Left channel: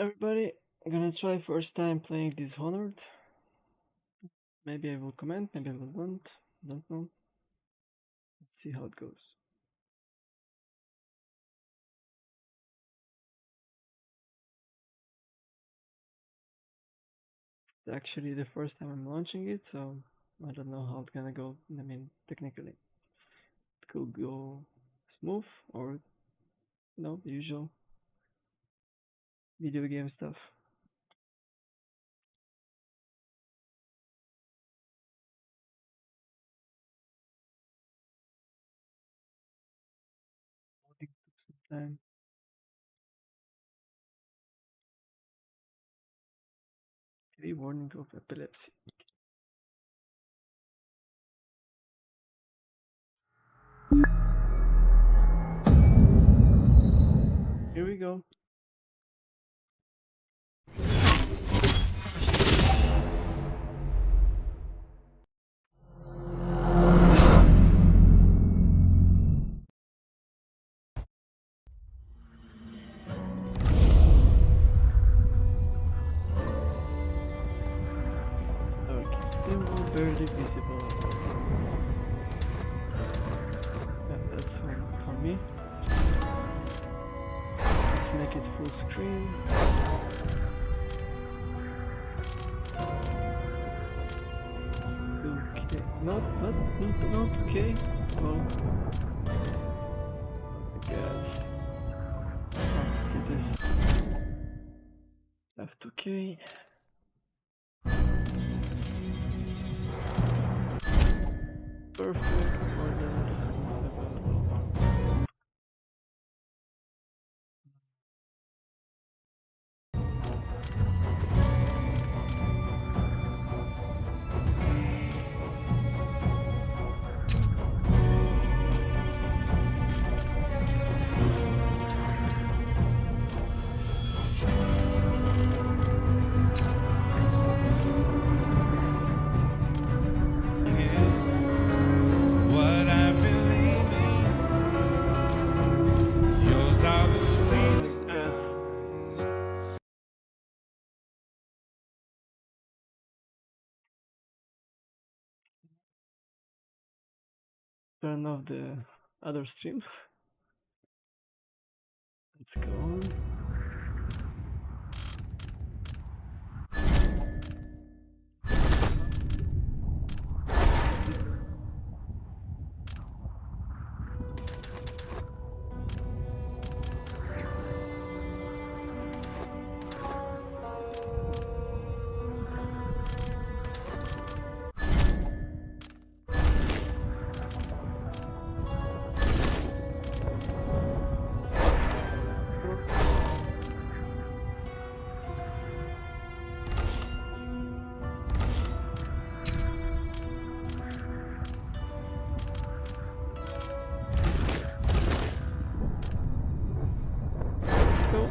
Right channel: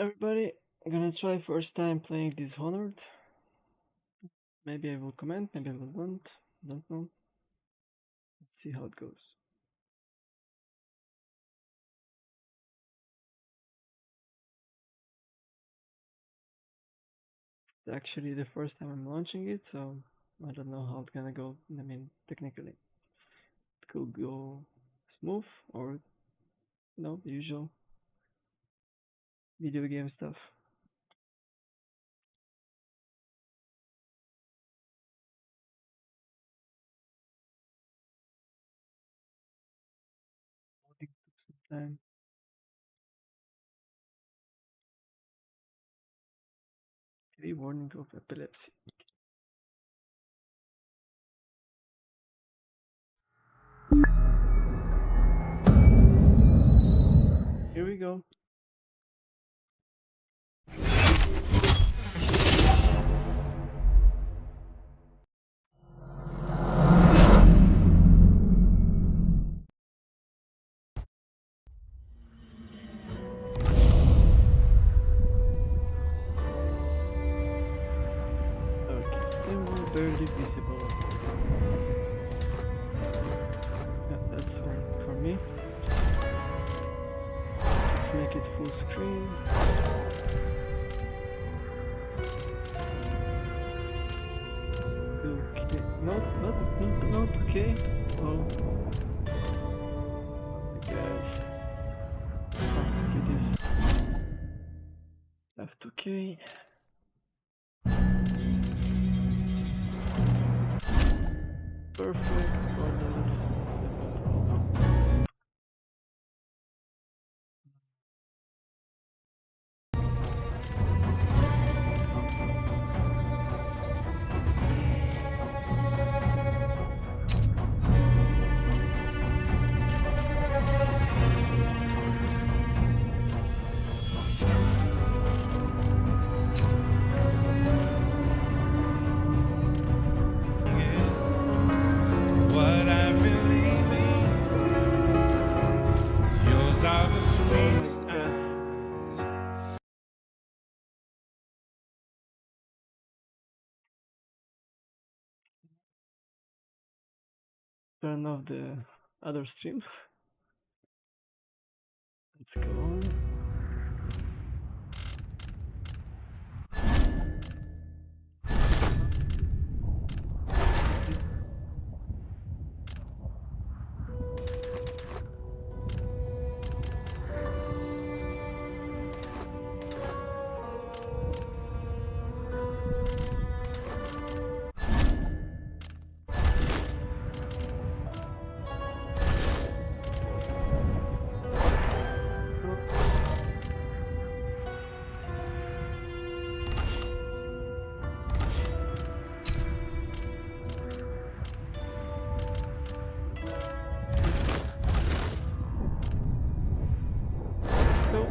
Everybody, I'm gonna try first time playing Dishonored. Maybe I will comment, maybe I will don't know. Let's see how it goes. It's actually the first time I'm launching it, so I don't know how it's gonna go. I mean, technically, it could go smooth or no, the usual video game stuff. Loading took some time. TV warning of epilepsy. Here we go. Okay, still barely visible. Yeah, that's one for me. Let's make it full screen. Okay, not okay. Oh my god. Oh, look at this. Left okay. Perfect. Borders is available. What I've been leaving, yours are the sweetest eyes. Turn off the other stream. Let's go on. Let's go.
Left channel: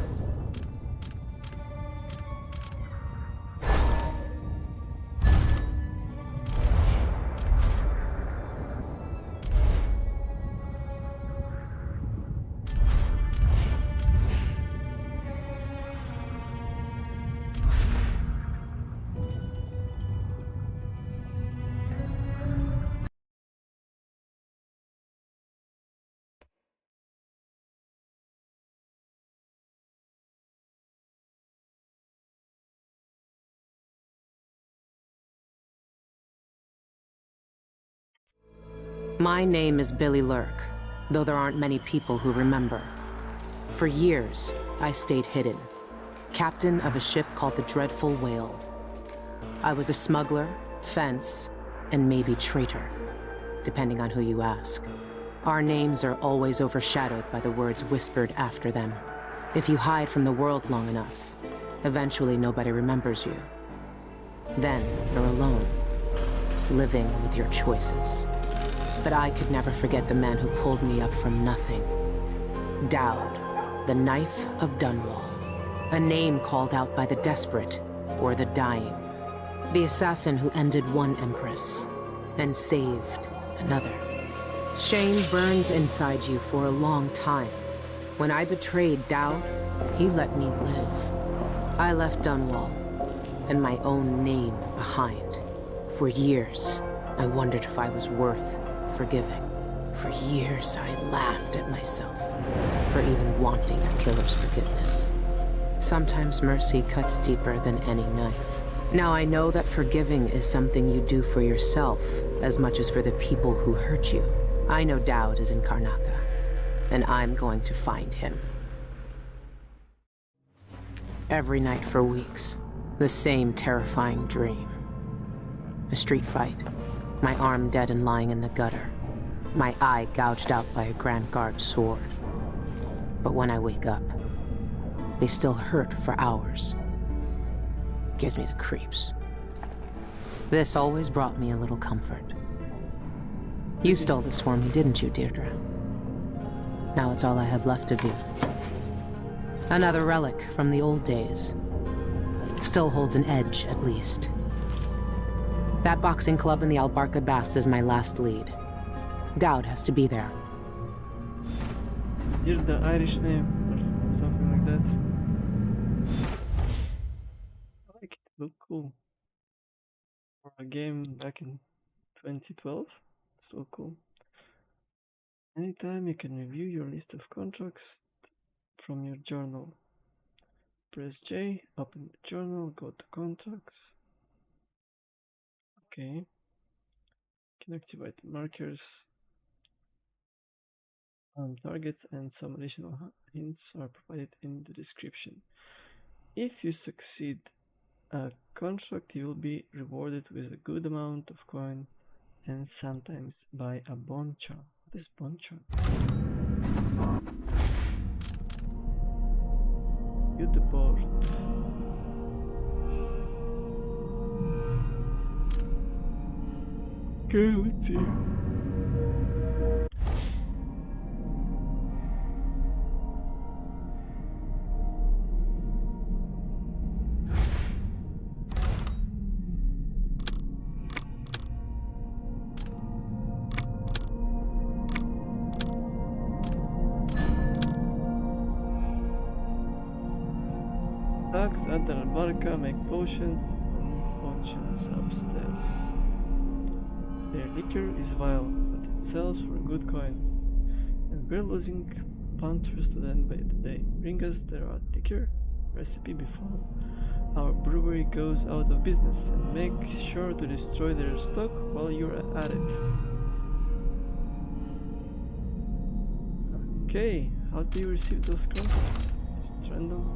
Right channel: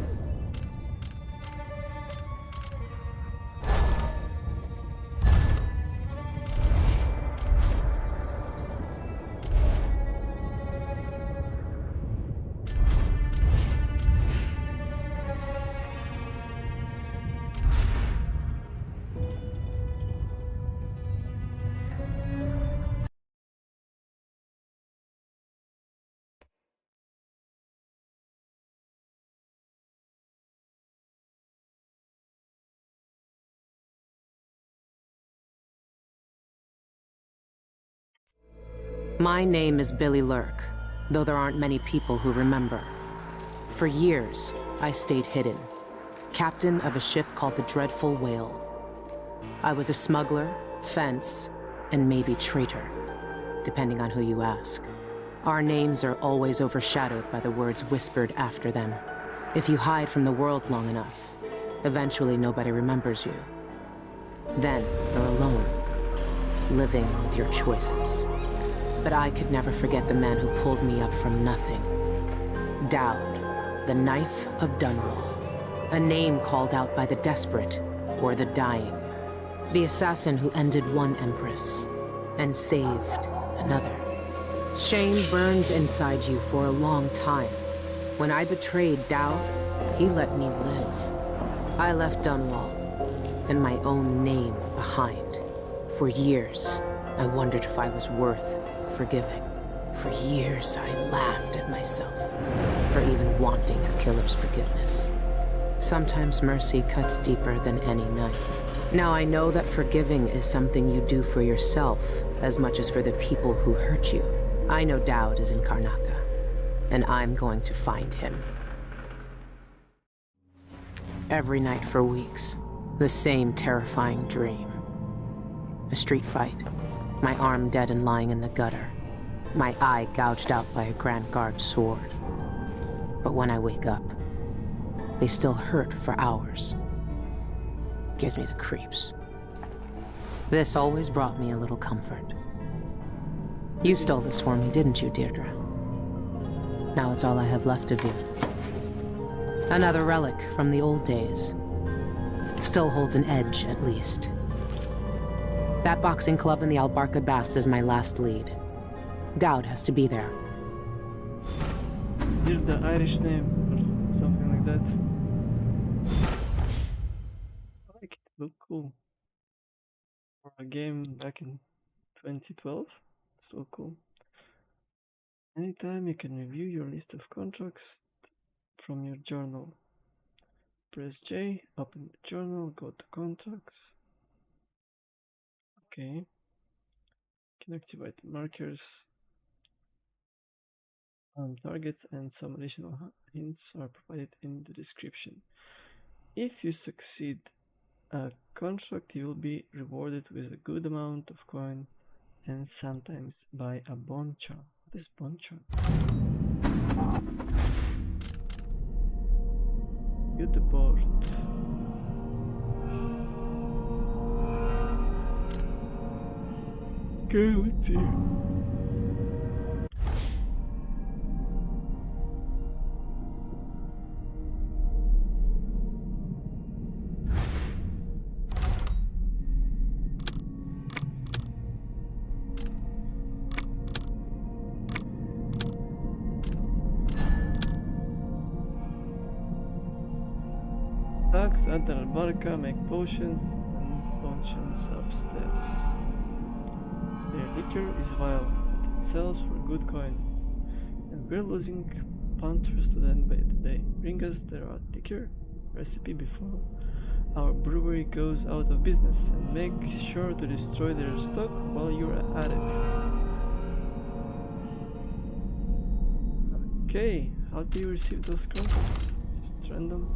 My name is Billy Lurk, though there aren't many people who remember. For years, I stayed hidden, captain of a ship called the Dreadful Whale. I was a smuggler, fence, and maybe traitor, depending on who you ask. Our names are always overshadowed by the words whispered after them. If you hide from the world long enough, eventually nobody remembers you. Then you're alone, living with your choices. But I could never forget the man who pulled me up from nothing. Dowd, the Knife of Dunwall. A name called out by the desperate or the dying. The assassin who ended one empress and saved another. Shame burns inside you for a long time. When I betrayed Dowd, he let me live. I left Dunwall and my own name behind. For years, I wondered if I was worth forgiving. For years, I laughed at myself for even wanting a killer's forgiveness. Sometimes mercy cuts deeper than any knife. Now I know that forgiving is something you do for yourself as much as for the people who hurt you. I know Dowd is in Karnaca, and I'm going to find him. Every night for weeks, the same terrifying dream. A street fight, my arm dead and lying in the gutter, my eye gouged out by a Grand Guard sword. But when I wake up, they still hurt for hours. Gives me the creeps. This always brought me a little comfort. You stole this for me, didn't you, Deirdre? Now it's all I have left of you. Another relic from the old days. Still holds an edge, at least. That boxing club in the Albarca Baths is my last lead. Dowd has to be there. Here's the Irish name, or something like that. I like it, look cool. For a game back in 2012, it's so cool. Anytime you can review your list of contracts from your journal. Press J, open the journal, go to contracts. Okay. Can activate markers on targets, and some additional hints are provided in the description. If you succeed a contract, you will be rewarded with a good amount of coin and sometimes by a bone charm. What is bone charm? View the board. Okay, let's see. Thugs at the Albarca make potions and potions upstairs. Their liquor is vile, but it sells for good coin. And we're losing punters to them by the day. Bring us their liquor recipe before our brewery goes out of business, and make sure to destroy their stock while you're at it. Okay, how do you receive those contracts? Just random?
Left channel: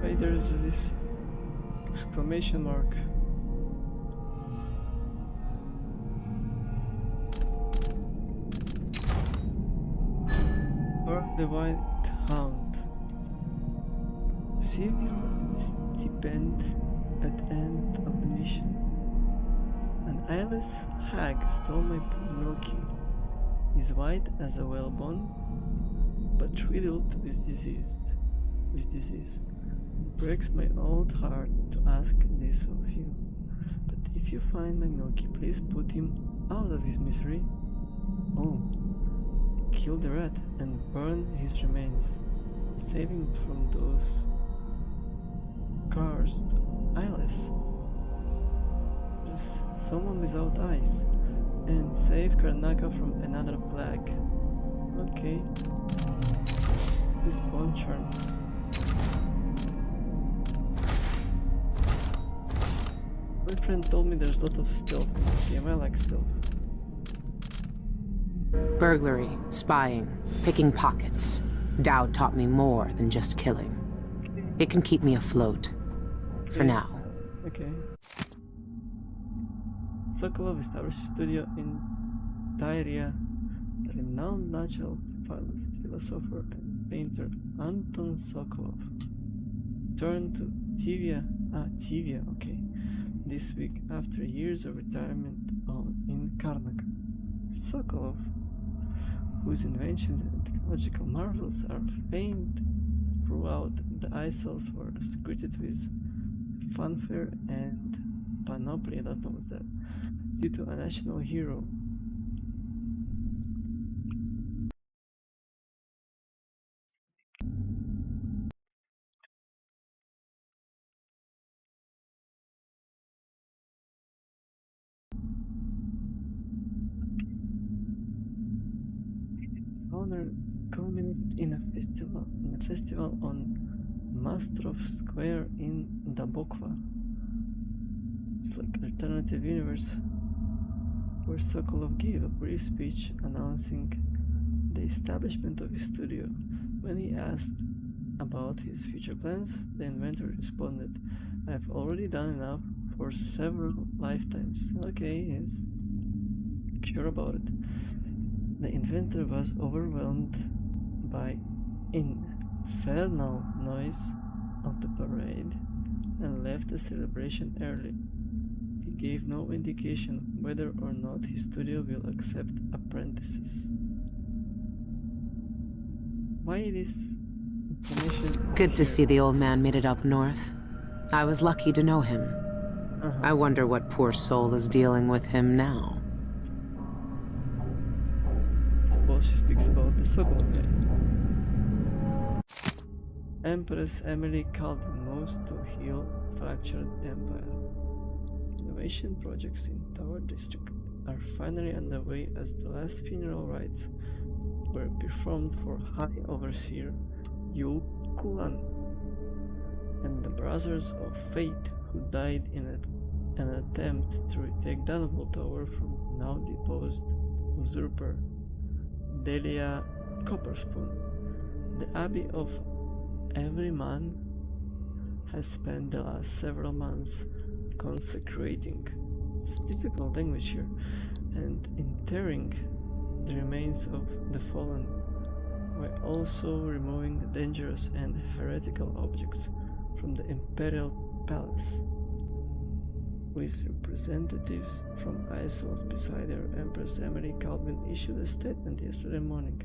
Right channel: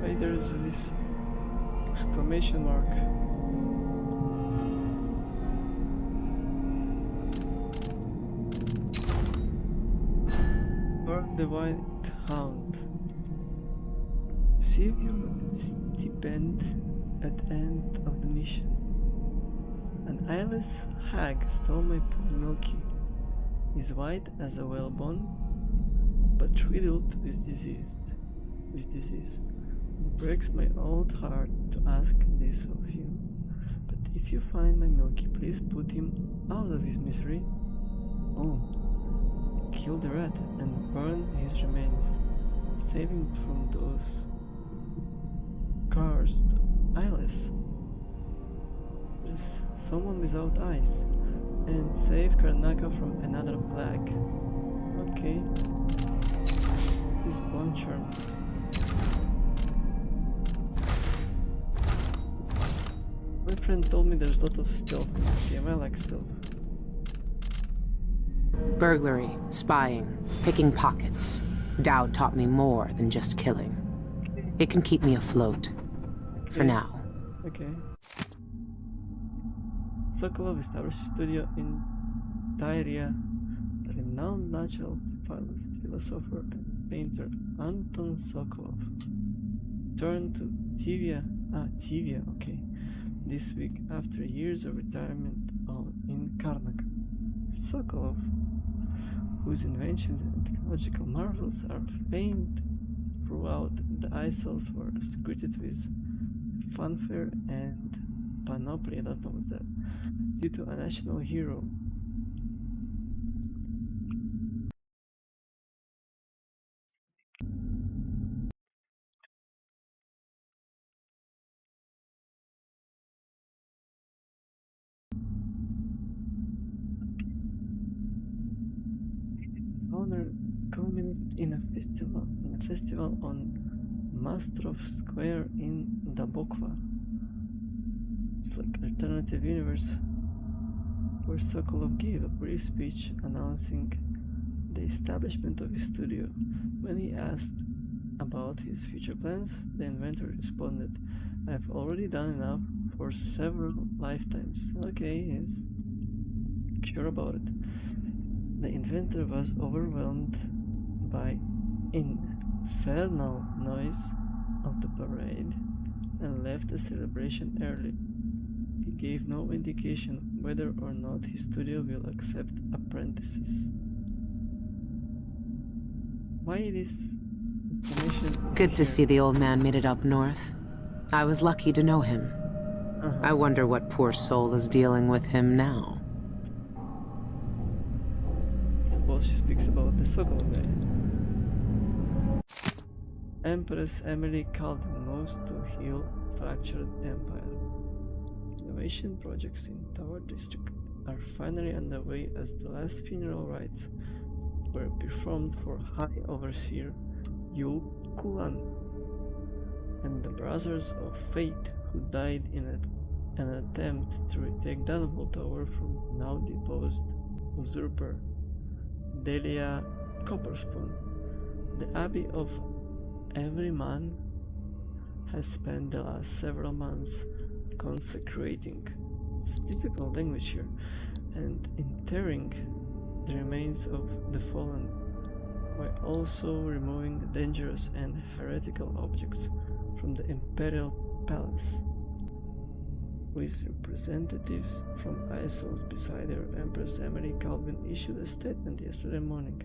Why there's this exclamation mark? Burn the White Hound. Receive your stipend at the end of the mission. An eyeless hag stole my poor Milky. He's white as a whalebone, but riddled with disease. It breaks my old heart to ask this of you. But if you find my Milky, please put him out of his misery. Oh, kill the rat and burn his remains. Save him from those cursed eyeless. There's someone without eyes. And save Karnaca from another plague. Okay. These bone charms. My friend told me there's a lot of stealth in this game. I like stealth. Burglary, spying, picking pockets. Dowd taught me more than just killing. It can keep me afloat. For now. Okay. Sokolov established a studio in Tyria. The renowned natural philosopher and painter Anton Sokolov turned to Tivia, okay, this week after years of retirement in Karnak. Sokolov, whose inventions and technological marvels are famed throughout the Isles, were greeted with fanfare and panoply, I don't know what's that, due to a national hero. Dishonored culminated in a festival on Mastrov Square in Dabokva. It's like alternative universe where Sokolov gave a brief speech announcing the establishment of his studio. When he asked about his future plans, the inventor responded, "I've already done enough for several lifetimes." Okay, he's sure about it. The inventor was overwhelmed by infernal noise of the parade and left the celebration early. He gave no indication whether or not his studio will accept apprentices. Why this information is Good to here? see the old man made it up north. I was lucky to know him. I wonder what poor soul is dealing with him now. Suppose she speaks about the Sokolov guy. Empress Emily Calvin moves to heal fractured empire. Innovation projects in Tower District are finally underway as the last funeral rites were performed for High Overseer Yul Kulan and the Brothers of Fate, who died in an attempt to retake Dunwall Tower from now deposed usurper Delia Copperspoon. The Abbey of Everyman has spent the last several months consecrating, it's a difficult language here, and interring the remains of the fallen, while also removing dangerous and heretical objects from the Imperial Palace. With representatives from Isles beside her, Empress Emily Calvin issued a statement yesterday morning,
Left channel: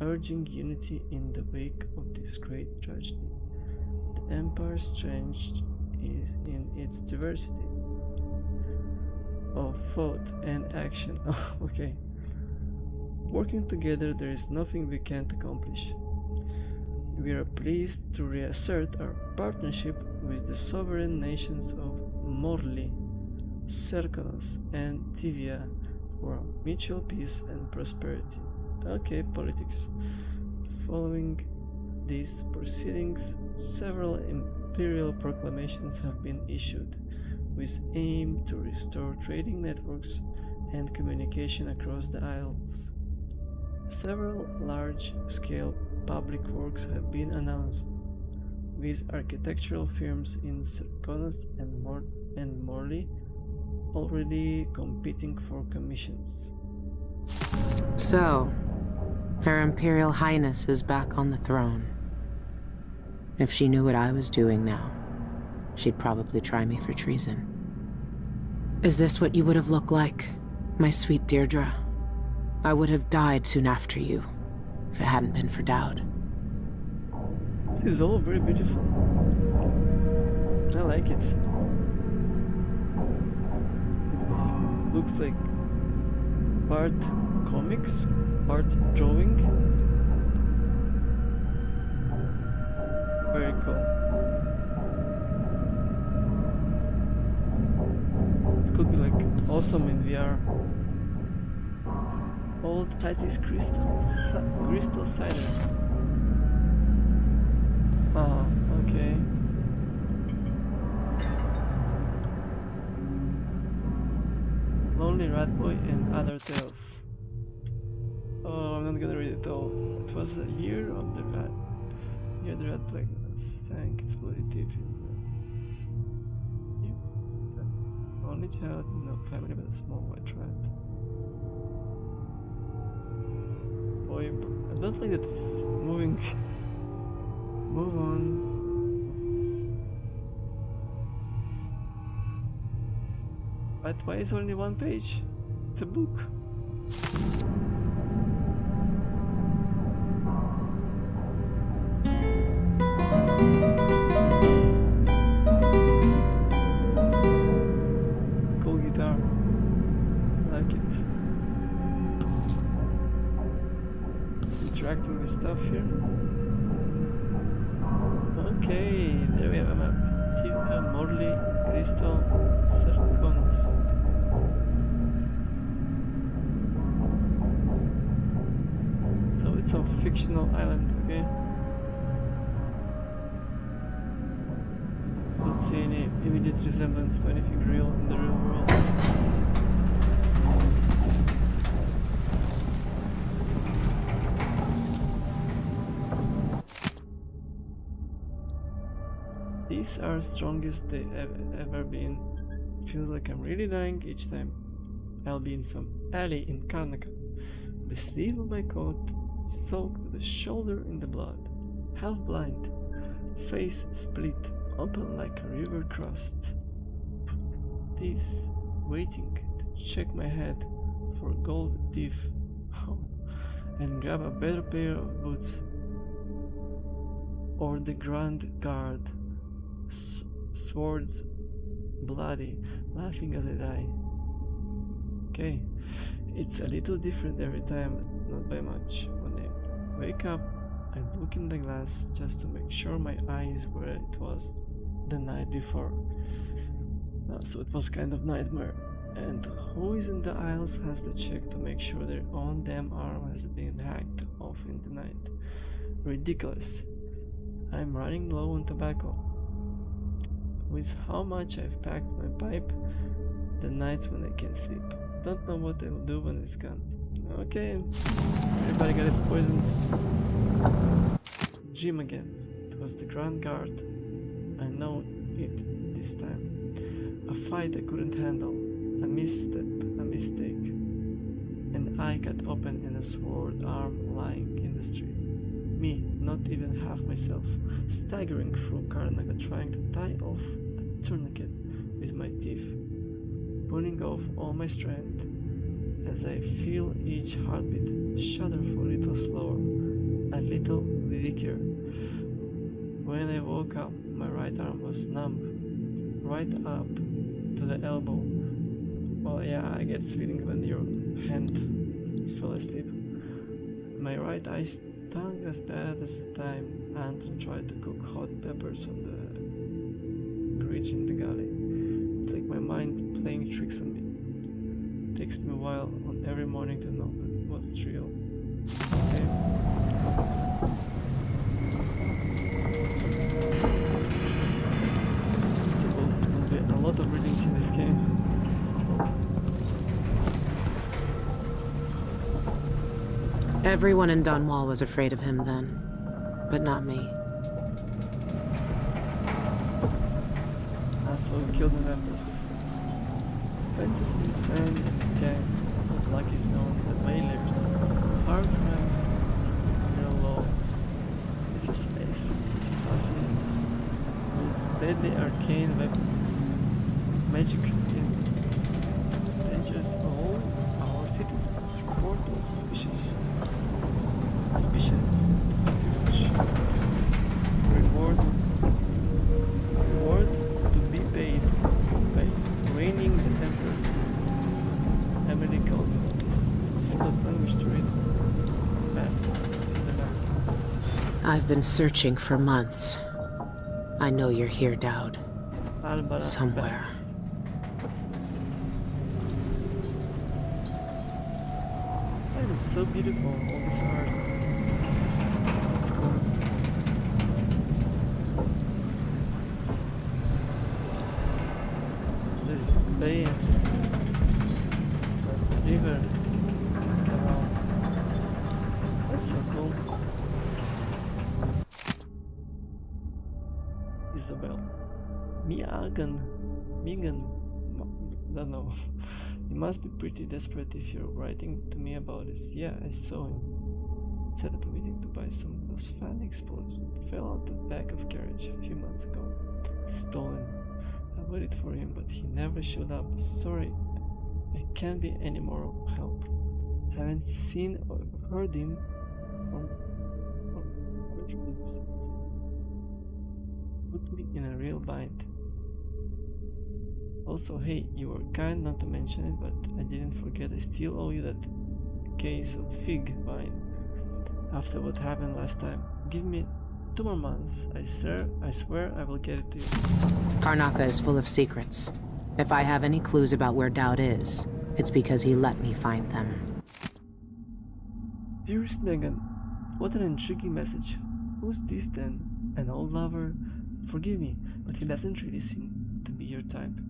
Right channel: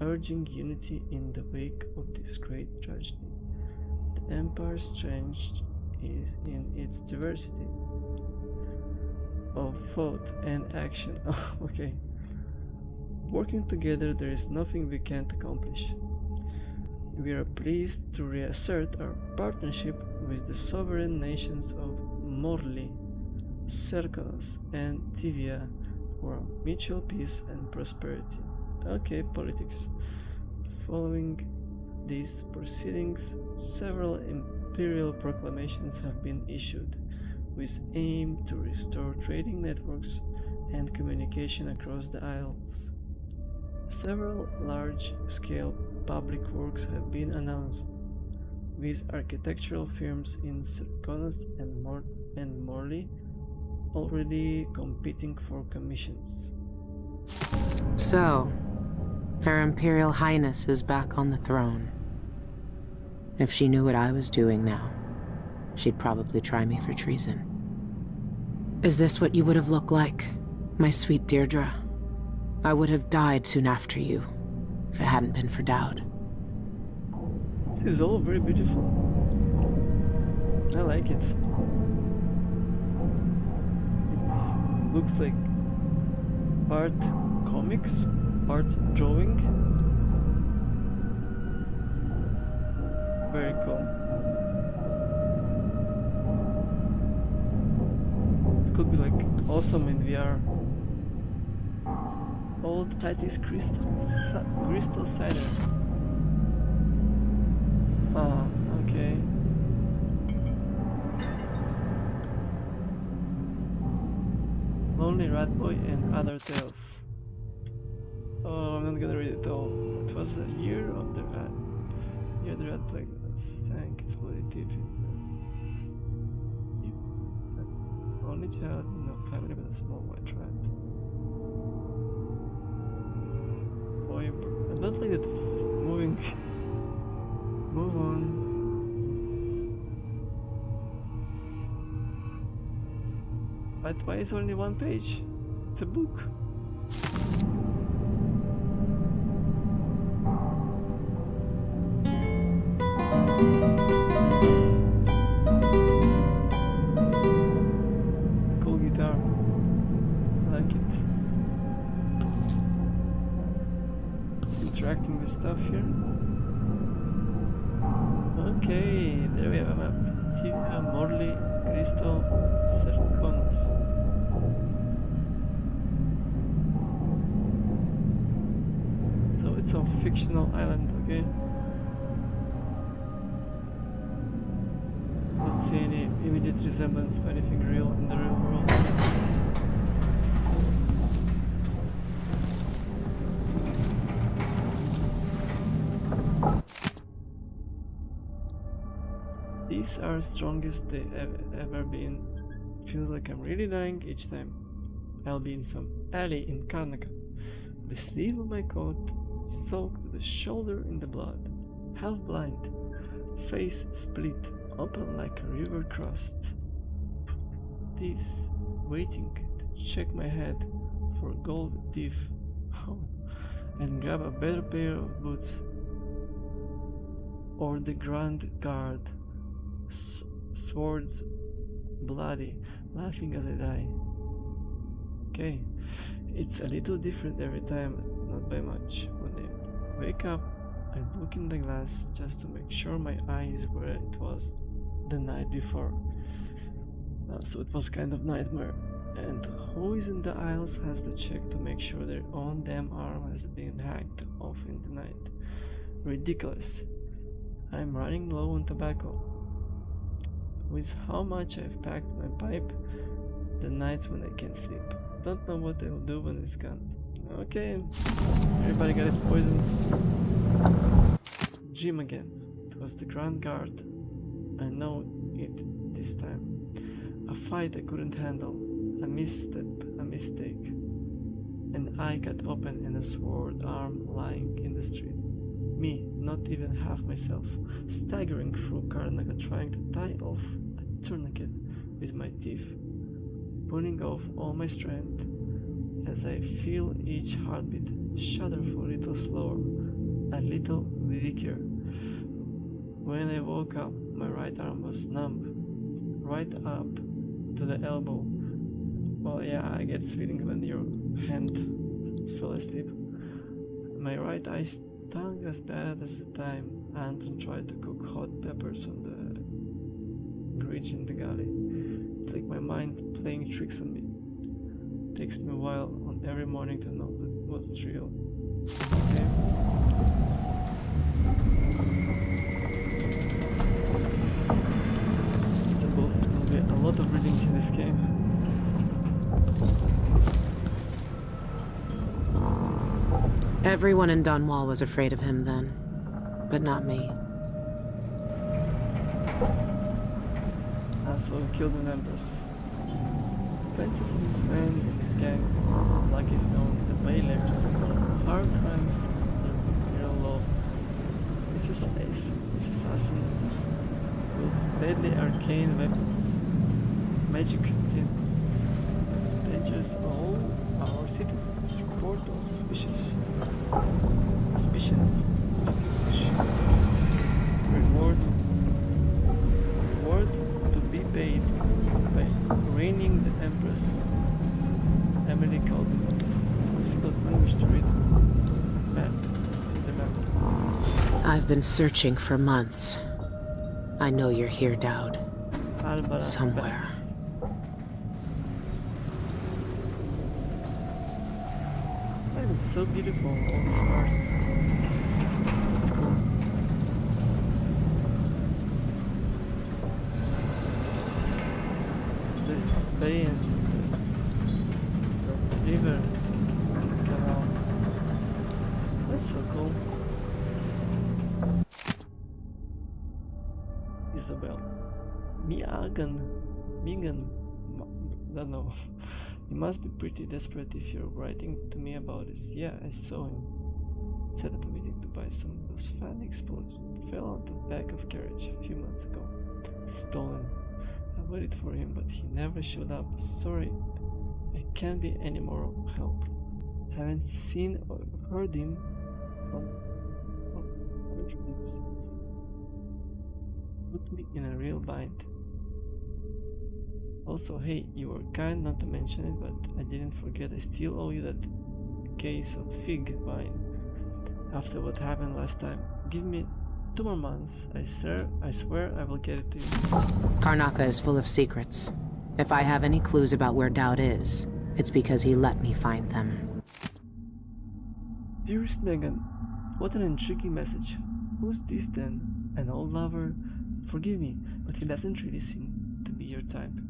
urging unity in the wake of this great tragedy. The Empire's strength is in its diversity of thought and action. Okay. Working together, there is nothing we can't accomplish. We are pleased to reassert our partnership with the sovereign nations of Morley, Serkonos, and Tivia for mutual peace and prosperity. Okay, politics. Following these proceedings, several imperial proclamations have been issued, with aim to restore trading networks and communication across the Isles. Several large-scale public works have been announced, with architectural firms in Serkonos and Morley already competing for commissions. So, Her Imperial Highness is back on the throne. If she knew what I was doing now, she'd probably try me for treason. Is this what you would have looked like, my sweet Deirdre? I would have died soon after you, if it hadn't been for Dowd. This is all very beautiful. I like it. It looks like part comics, part drawing. Very cool. It could be like awesome in VR. Old Titus crystal cider. Oh, okay. Lonely Rat Boy and Other Tales. Oh, I'm not gonna read it all. It was a year of the rat. Year the rat plague sank its bloody teeth in the only child in no family but a small white rat. Boy, I don't like that it's moving. Move on. But why is only one page? It's a book. Cool guitar. I like it. It's interacting with stuff here. Okay, there we have a map. Tivia, Morley, Crystal, Serkonos. It's So it's a fictional island, okay? Don't see any immediate resemblance to anything real in the real world. These are strongest they ever been. Feels like I'm really dying each time. I'll be in some alley in Karnaka. The sleeve of my coat soaked to the shoulder in the blood. Half blind. Face split open like a river crossed. Thieves waiting to check my head for gold teeth. Oh, and grab a better pair of boots. Or the Grand Guard. Swords bloody, laughing as I die. Okay, it's a little different every time, not by much. When I wake up, I look in the glass just to make sure my eye is where it was the night before. So it was kind of nightmare. And who is in the aisles has to check to make sure their own damn arm has been hacked off in the night. Ridiculous. I'm running low on tobacco. With how much I've packed my pipe, the nights when I can't sleep. Don't know what I will do when it's gone. Okay, everybody got its poisons. Gym again. It was the Grand Guard. I know it this time. A fight I couldn't handle. A misstep, a mistake. An eye cut open and a sword arm lying in the street. Me, not even half myself, staggering through Karnaka trying to tie off a tourniquet with my teeth, pulling off all my strength as I feel each heartbeat shudder for a little slower, a little weaker. When I woke up, my right arm was numb, right up to the elbow. Well, yeah, I get this feeling when your hand fell asleep. My right eye stung as bad as the time Anton tried to cook hot peppers on the bridge in the galley. It's like my mind playing tricks on me. Takes me a while on every morning to know what's real. Okay. I suppose there will be a lot of reading in this game. Everyone in Dunwall was afraid of him then, but not me. So he killed the members. Francis is this man in this gang, like he's known, the Whalers, hard crimes under real law. This assassin wields deadly arcane weapons, magic in dangers all our citizens. Report all suspicions Reward to be paid by reigning the Empress. Emily called me this difficult language to read. Map. See the map. I've been searching for months. I know you're here, Dowd. Albara Somewhere. Banks. And it's so beautiful, all this art. That's cool. There's a bay and it's a river. Canal. That's so cool. Isabel. Megan, don't know. You must be pretty desperate if you're writing to me about this. Yeah, I saw him. Set up a meeting to buy some of those fan explosives that fell out the back of carriage a few months ago. Stolen. I waited for him, but he never showed up. Sorry, I can't be any more help. Haven't seen or heard him from since. Put me in a real bind. Also, hey, you were kind not to mention it, but I didn't forget. I still owe you that case of fig wine after what happened last time. Give me 2 more months. I swear I will get it to you. Karnaka is full of secrets. If I have any clues about where Dowd is, it's because he let me find them. Dearest Megan, What an intriguing message. Who's this then? An old lover? Forgive me, but he doesn't really seem to be your type.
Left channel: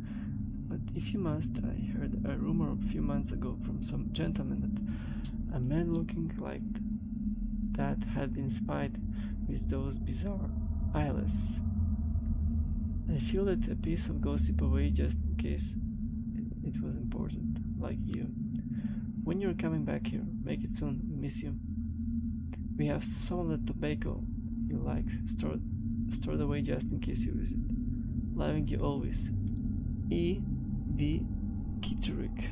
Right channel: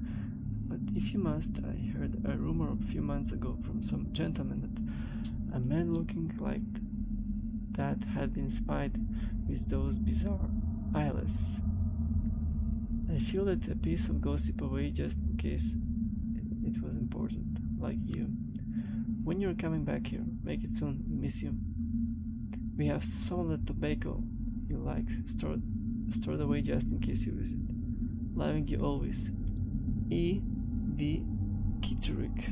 But if you must, I heard a rumor a few months ago from some gentleman that a man looking like that had been spied with those bizarre eyeless. I feel that a piece of gossip away just in case it was important, like you. When you're coming back here, make it soon, we miss you. We have some of the tobacco you like stored away just in case you visit. Loving you always. E. V. Kitterick.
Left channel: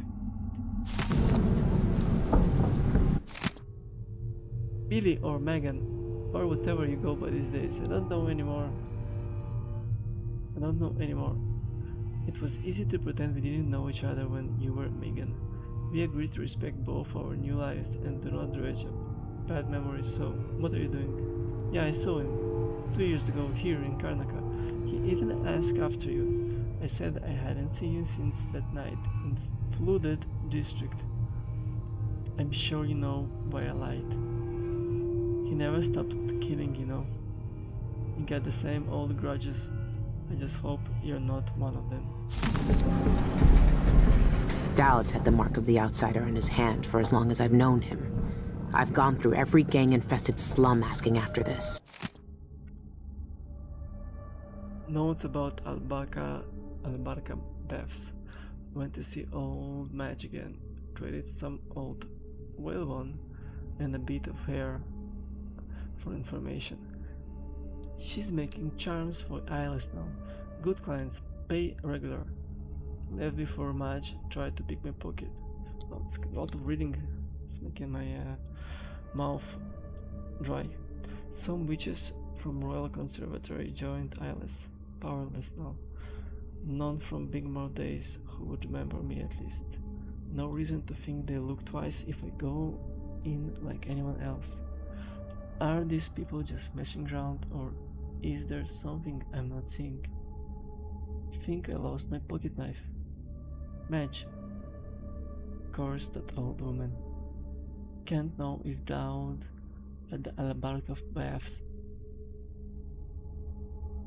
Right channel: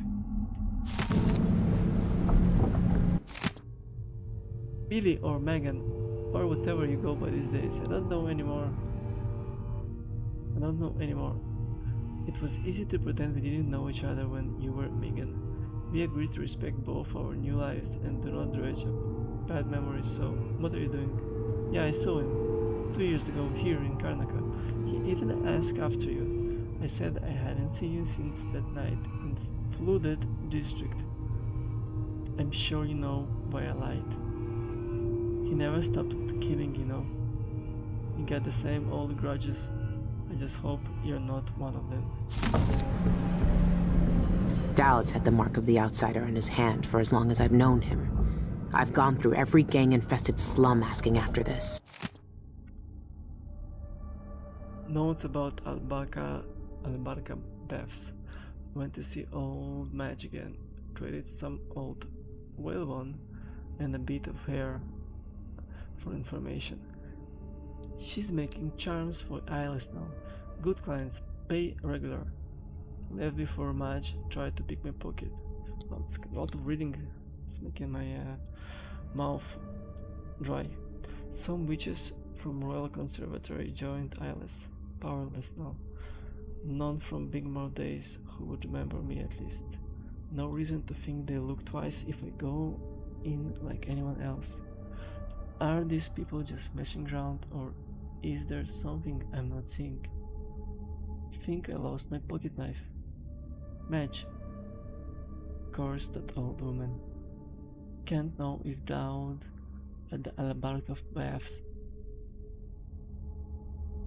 Billy or Megan, or whatever you go by these days. I don't know anymore. It was easy to pretend we didn't know each other when you were Megan. We agreed to respect both our new lives and do not dredge up bad memories, so what are you doing? Yeah, I saw him 2 years ago here in Karnaka. He even asked after you. I said I hadn't seen you since that night in the flooded district. I'm sure you know why I lied. He never stopped killing, you know. You got the same old grudges. I just hope you're not one of them. Dowd's had the mark of the outsider in his hand for as long as I've known him. I've gone through every gang-infested slum asking after this. Notes about Albarca Beths. Went to see old Madge again. Traded some old whalebone and a bit of hair for information. She's making charms for eyeless now. Good clients, pay regular. Left before Madge tried to pick my pocket. It's a lot of reading. It's making my mouth dry. Some witches from Royal Conservatory joined eyeless. Powerless now. None from Bigmore days who would remember me at least. No reason to think they'll look twice if I go in like anyone else. Are these people just messing around, or is there something I'm not seeing? Think I lost my pocket knife. Madge. Curse that old woman. Can't know if Dowd at the Albarca Baths.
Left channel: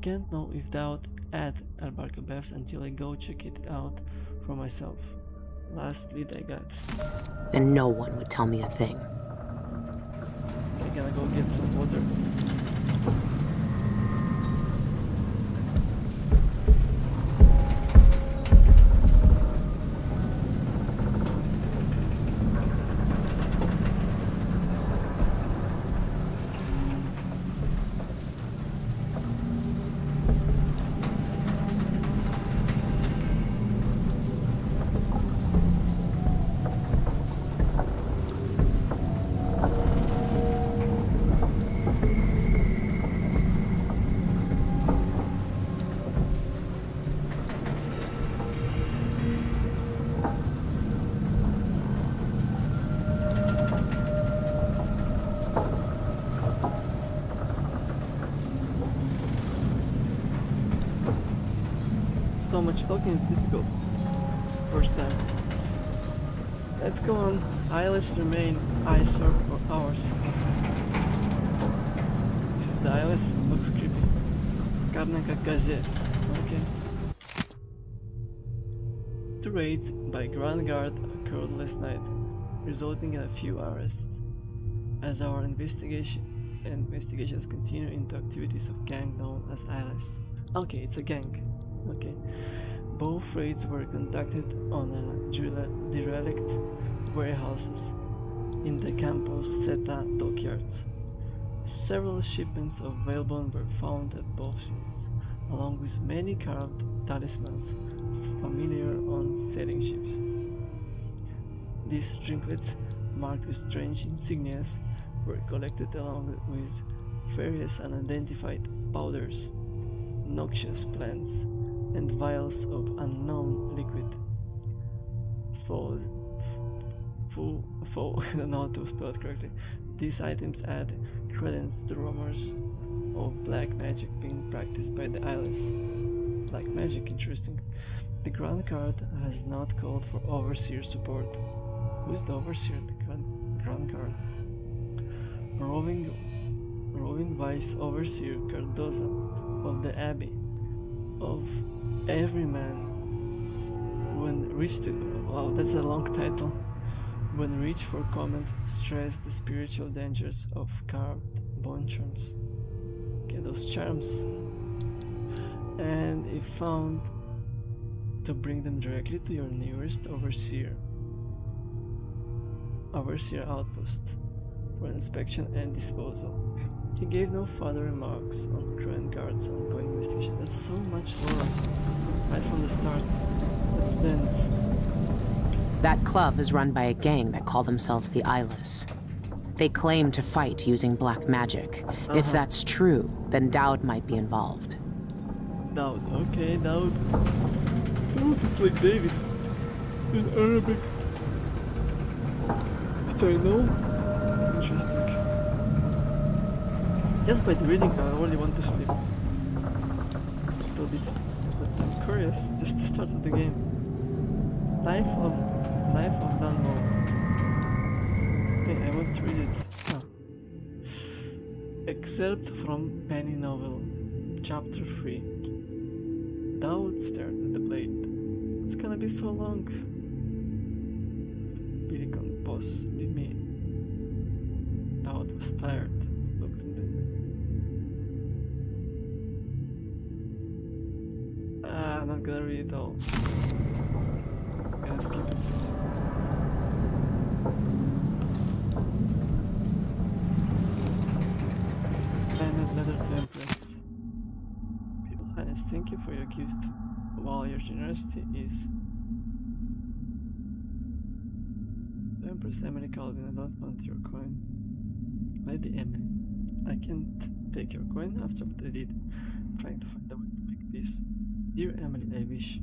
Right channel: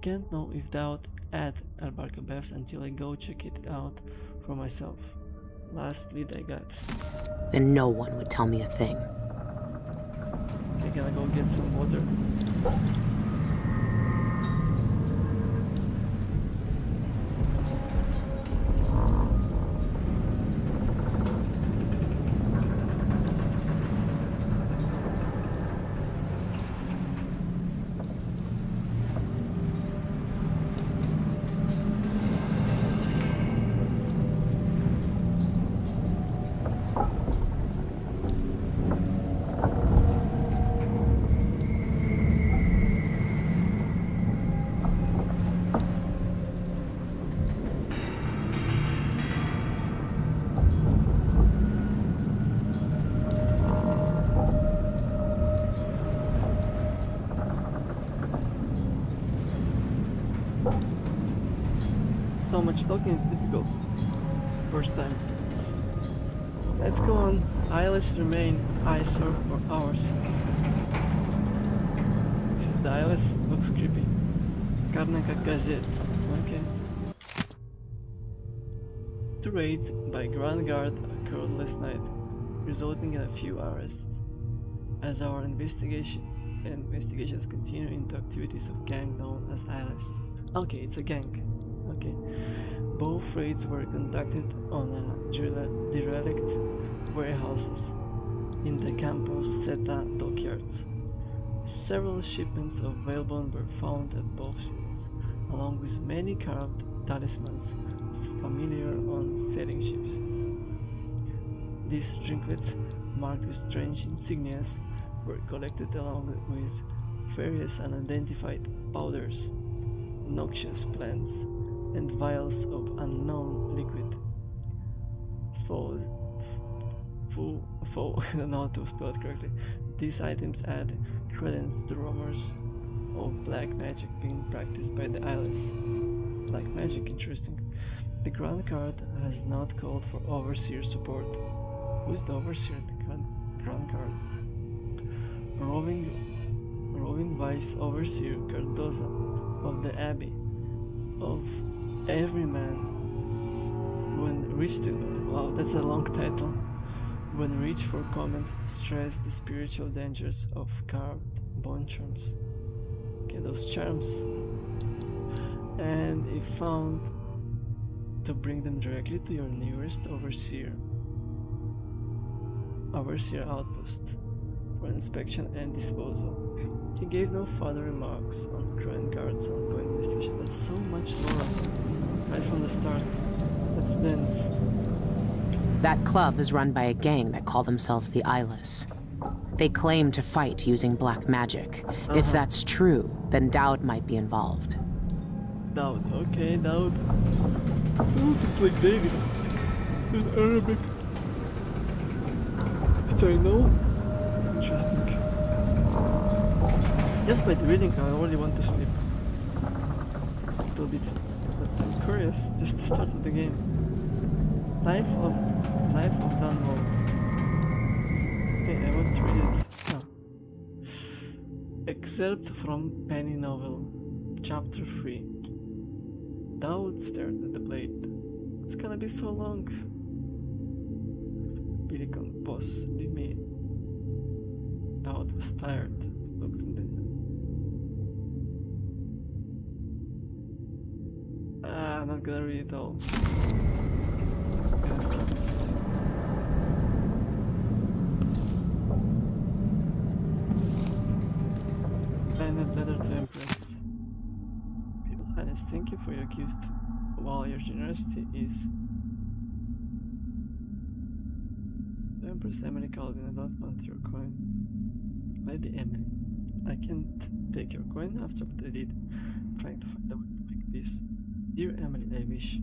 Can't know if Dowd at Albarca Baths until I go check it out for myself. Last lead I got. And no one would tell me a thing. I gotta go get some water. So much talking, it's difficult. First time. Let's go on. Eyeless remain eyesore for hours. This is the eyeless. Looks creepy. Karnaka Gazette. Okay. 2 raids by Grand Guard occurred last night, resulting in a few arrests. As our investigations continue into activities of gang known as eyeless. Okay, it's a gang. Okay. Both raids were conducted on derelict warehouses in the Campos Seta dockyards. Several shipments of whalebone were found at both scenes, along with many carved talismans familiar on sailing ships. These trinkets, marked with strange insignias, were collected along with various unidentified powders, noxious plants, and vials of unknown liquid. I don't know how to spell it correctly. These items add credence to rumors of black magic being practiced by the eyeless. Black magic, interesting. The Grand Guard has not called for overseer support. Who's the overseer in the Grand Guard? roving vice overseer Cardoza of the Abbey of every man when reached to wow, that's a long title. When reached for comment, stress the spiritual dangers of carved bone charms. Okay, those charms. And if found, to bring them directly to your nearest overseer outpost for inspection and disposal. He gave no further remarks on Grand Guard's ongoing investigation. That's so much lore, right from the start. That's dense. That club is run by a gang that call themselves the Eyeless. They claim to fight using black magic. If that's true, then Daud might be involved. Daud, okay, Daud. Oh, it's like David in Arabic. Sorry, no? Interesting. Just by the reading, I already want to sleep. A little bit. But I'm curious, just the start of the game. Life of Dunwall. Okay, I want to read it. Oh. Excerpt from Penny Novel, Chapter 3. Daud stared at the blade. It's gonna be so long. Billicon, boss, leave me. Daud was tired. Looked in the... I'm not gonna read it all. I'm gonna skip it. Planet letter to Empress. People Highness, thank you for your gift. While your generosity is to Empress Emily Calvin, I don't want your coin. Lady Emily, I can't take your coin after what I did, trying to find a way to make peace. Dear Emily, I wish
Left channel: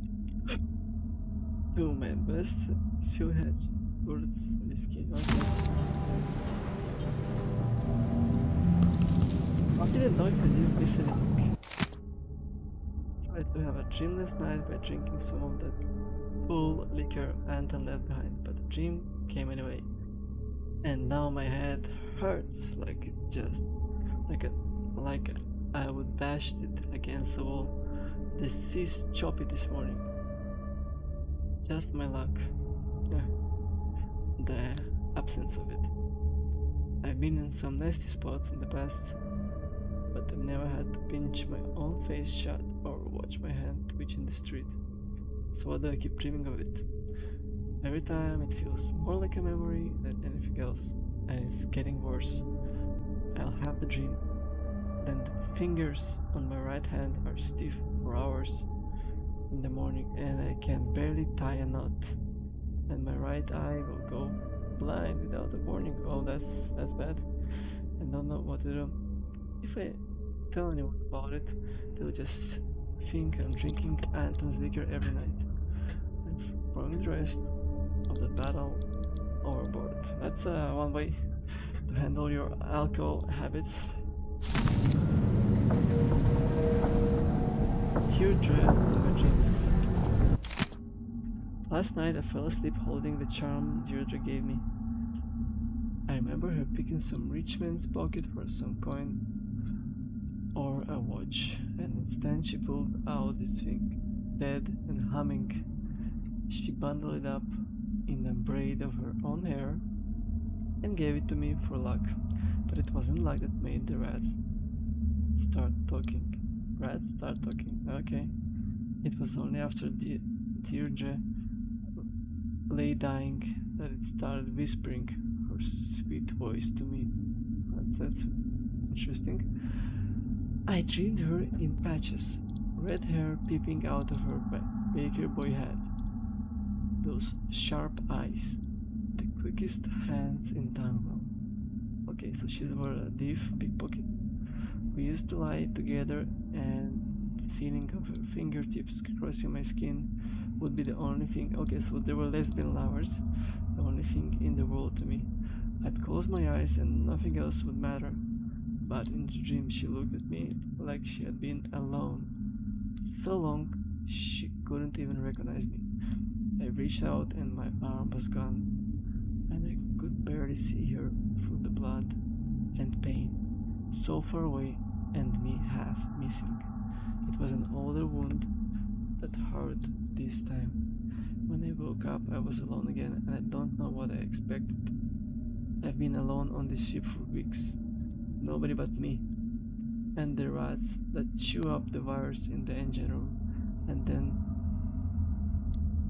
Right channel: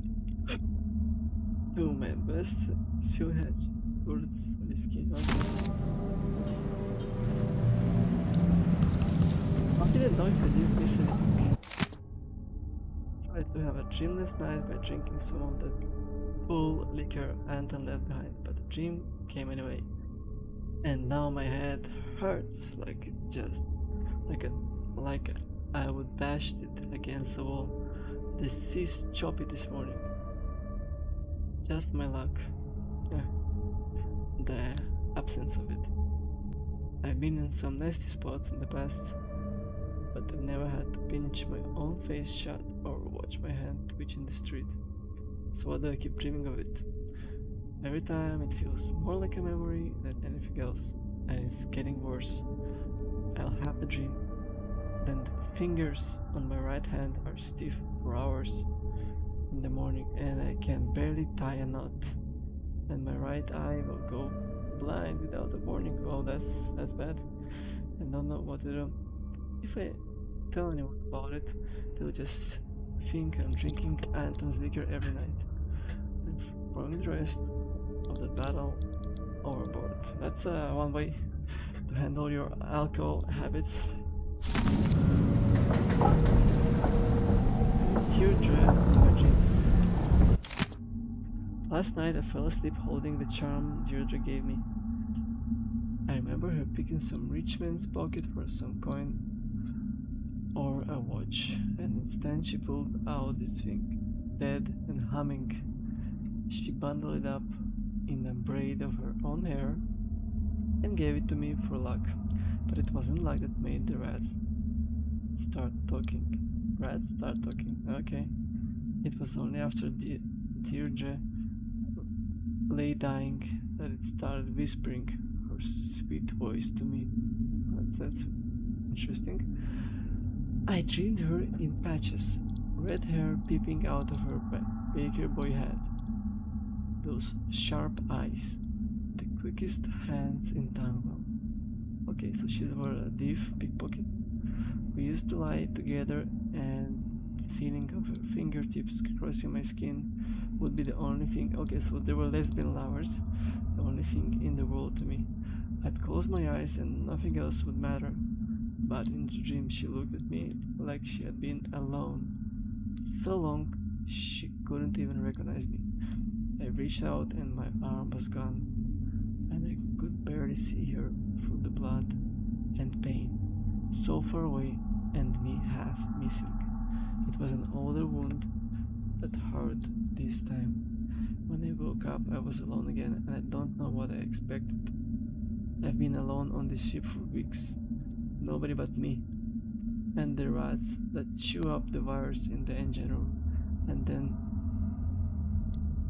to my best seal hedge, bullets, whiskey, okay. I didn't know if I didn't miss anything. Tried to have a dreamless night by drinking some of that full liquor Anton left behind, but the dream came anyway. And now my head hurts like I would bash it against the wall. The sea's choppy this morning. Just my luck. The absence of it. I've been in some nasty spots in the past, but I've never had to pinch my own face shut or watch my hand twitch in the street. So why do I keep dreaming of it? Every time it feels more like a memory than anything else, and it's getting worse. I'll have the dream, then the fingers on my right hand are stiff for hours in the morning, and I can barely tie a knot, and my right eye will go blind without a warning. Oh, that's bad. I don't know what to do. If I tell anyone about it, they'll just think I'm drinking Anton's liquor every night and throwing the rest of the battle overboard. That's one way to handle your alcohol habits. Deirdre in my dreams. Last night I fell asleep holding the charm Deirdre gave me. I remember her picking some rich man's pocket for some coin or a watch, and instead she pulled out this thing, dead and humming. She bundled it up in a braid of her own hair and gave it to me for luck, but it wasn't luck that made the rats start talking. Rats start talking, okay. It was only after Deirdre lay dying that it started whispering her sweet voice to me. That's interesting. I dreamed her in patches, red hair peeping out of her baker boy head, those sharp eyes, the quickest hands in Dunwall. Okay, so she was a thief, pickpocket. We used to lie together, and the feeling of her fingertips crossing my skin would be the only thing. Okay, so they were lesbian lovers, the only thing in the world to me. I'd close my eyes and nothing else would matter. But in the dream she looked at me like she had been alone so long she couldn't even recognize me. I reached out and my arm was gone, and I could barely see her through the blood. and pain, so far away and me half missing. It was an older wound that hurt this time. When I woke up, I was alone again, and I don't know what I expected. I've been alone on this ship for weeks. Nobody but me. And the rats that chew up the wires in the engine room, and then